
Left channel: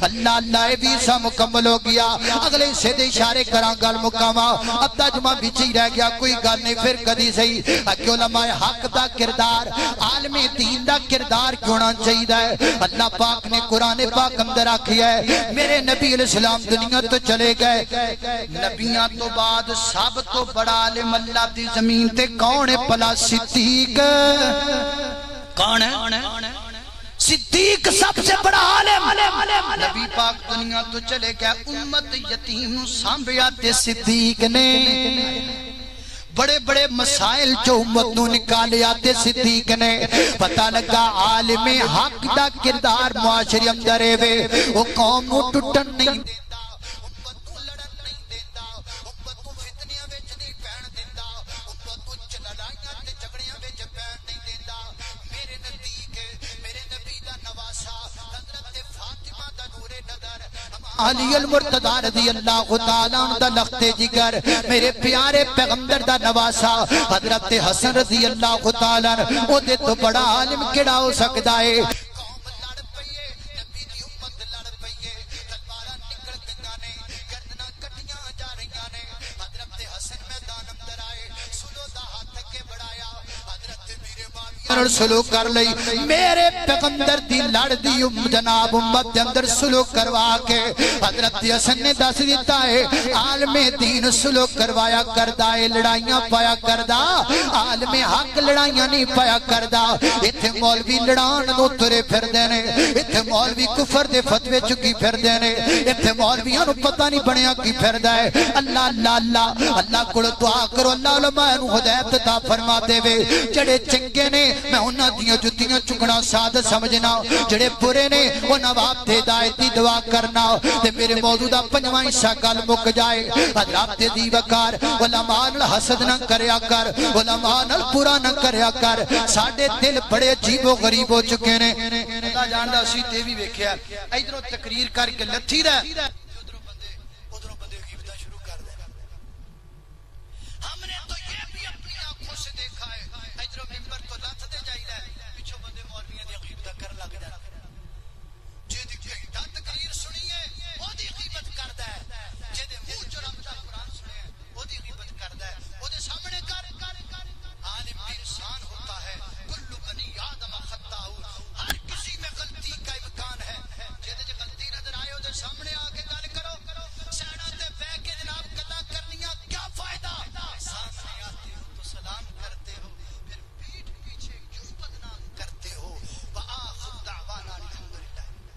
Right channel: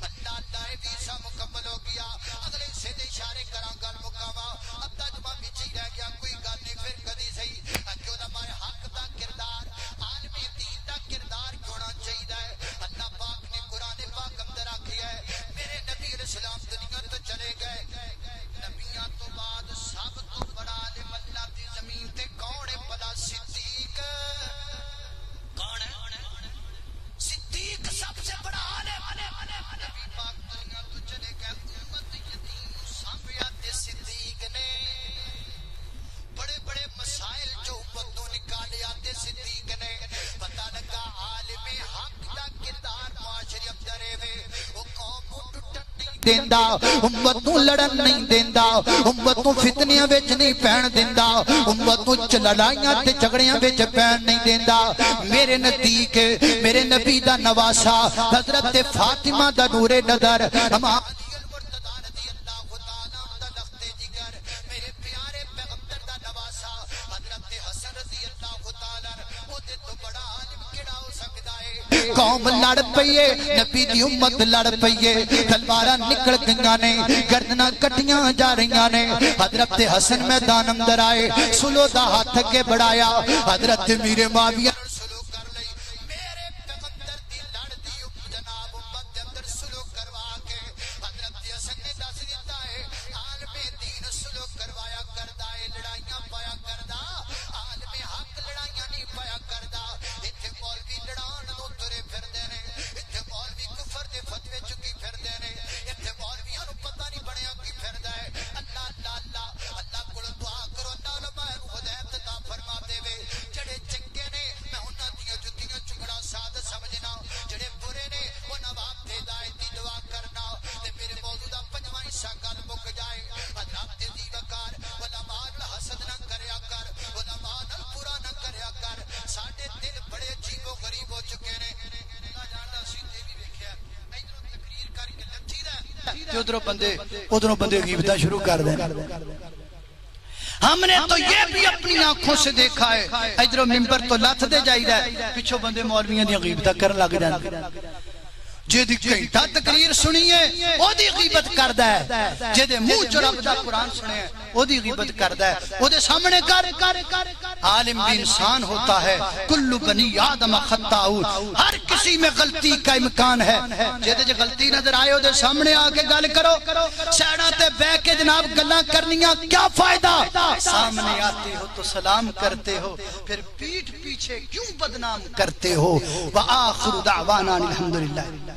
اللہ اللہ اے ویزا مکمل ہو گیا اگلے حصے دے اشارے کراں گل مکاواں ادھا جمعہ وچ ہی رہ گیا کوئی گل نہیں پھر کدی صحیح کہ علماء حق دا کردار عالم دین دا کردار ہونا چاہیے اللہ پاک نے قرآن پاک اندر آکھیا ہے میرے نبی علیہ السلام دنیا تو چلے گئے نبیاں تو بعد سب تو بڑا عالم اللہ دی زمین تے کون ہے پلا صدیق کون ہے صدیق سب سے بڑا عالم نبی پاک دنیا تو چلے گئے امت یتیم سانبھیا تے صدیق نے بڑے بڑے مسائل جو امت نو نکالے آتے صدیق نے پتہ لگا عالم حق دا کردار معاشرے اندر ہے وہ قوم نو ٹوٹن نہیں دیندا امت نو لڑن نہیں دیندا امت نو فتنیاں وچ نہیں پین دیندا امت نو لڑائیاں تے جھگڑیاں وچ پین نہیں دیندا میرے نزدیک میرے نبی دا نواسا حضرت فاطمہ دا نور نظر امام علی المرتضی رضی اللہ تعالی عنہ دا لخت جگر میرے پیارے پیغمبر دا نواسا حضرت حسن رضی اللہ تعالیٰ او دے تو بڑا عالم کیڑا ہو سکتا ہے قوم لڑ پئیے نبی دی امت لڑ پئیے تلوارہ نکل گئیاں نے گردناں کٹیاں جا رہیاں نے حضرت حسن میدان اندر آئے سلو دا ہاتھ کے بڑھایا حضرت میرے معاویہ نے سلو کر لئی میرے پیغمبر دی لڑ دی جناب امت دے اندر سلو کروا کے حضرت حسن نے دس دیتا ہے عالم دین سلو کروایا کردہ ہے لڑائیاں پایا کردہ عالم حق لڑائیاں نہیں پایا کردہ اتھے مولوی لڑان نو ترے پھر دینے اتھے مولوی کفر دے فتوے چکی پھر دینے اتھے مولویاں نو پتہ نہیں بنیا کی پھر دائے اللہ اللہ اللہ اللہ کو دعا کرو اللہ علماء نو ہدایت عطا فرما دے وے جڑے چنگے نے میں انہاں دیاں جتیاں چکنا سعادت سمجھنا جڑے برے نے وہ نواب تے ہدایتی دعا کرنا تے میرے موجودہ پنجواں حصہ گل مک جائے حضرات دی وقار علماء حسد نہ کریا کر علماء نال برا نہ کریا کر ساڈے دل بڑے عجیب و غریب ہو چکے نے خدا جاندا اسی تے وی ویکھیا ادھروں تقریر کر کے لتھی دا تے ادھروں بندے غیبتاں شروع کر دیں ہم نے تو یہ بھی اپنی آنکھوں سے دیکھا ہے ادھروں منبر تو لت دے جائیدا ہے پیچھوں بندے مولویاں دی غیبتاں کرن لگ جاندے جے دی گھنٹہ تقریر سنیے او دی غیبت کردا ہے جے دے منہ چ رب دا قرآن سنے او دی غیبت کردا ہے او دے سامنے کر عالم بھی انسان ہوتا ہے کل بنی آدم خطاء ہر کسی میں غلطی کا امکان ہے جے دے غلطی نظر آئے او دے سامنے آ کے گل کرو سیڑاں تے بیٹھ کے جناب گلاں کرنیاں کیا فائدہ سامنے آتے ہو تو سلام کرتے ہو پھر پیٹھ پیچھے کیوں بدنام کرتے ہو وآخر دعوانا الحمدللہ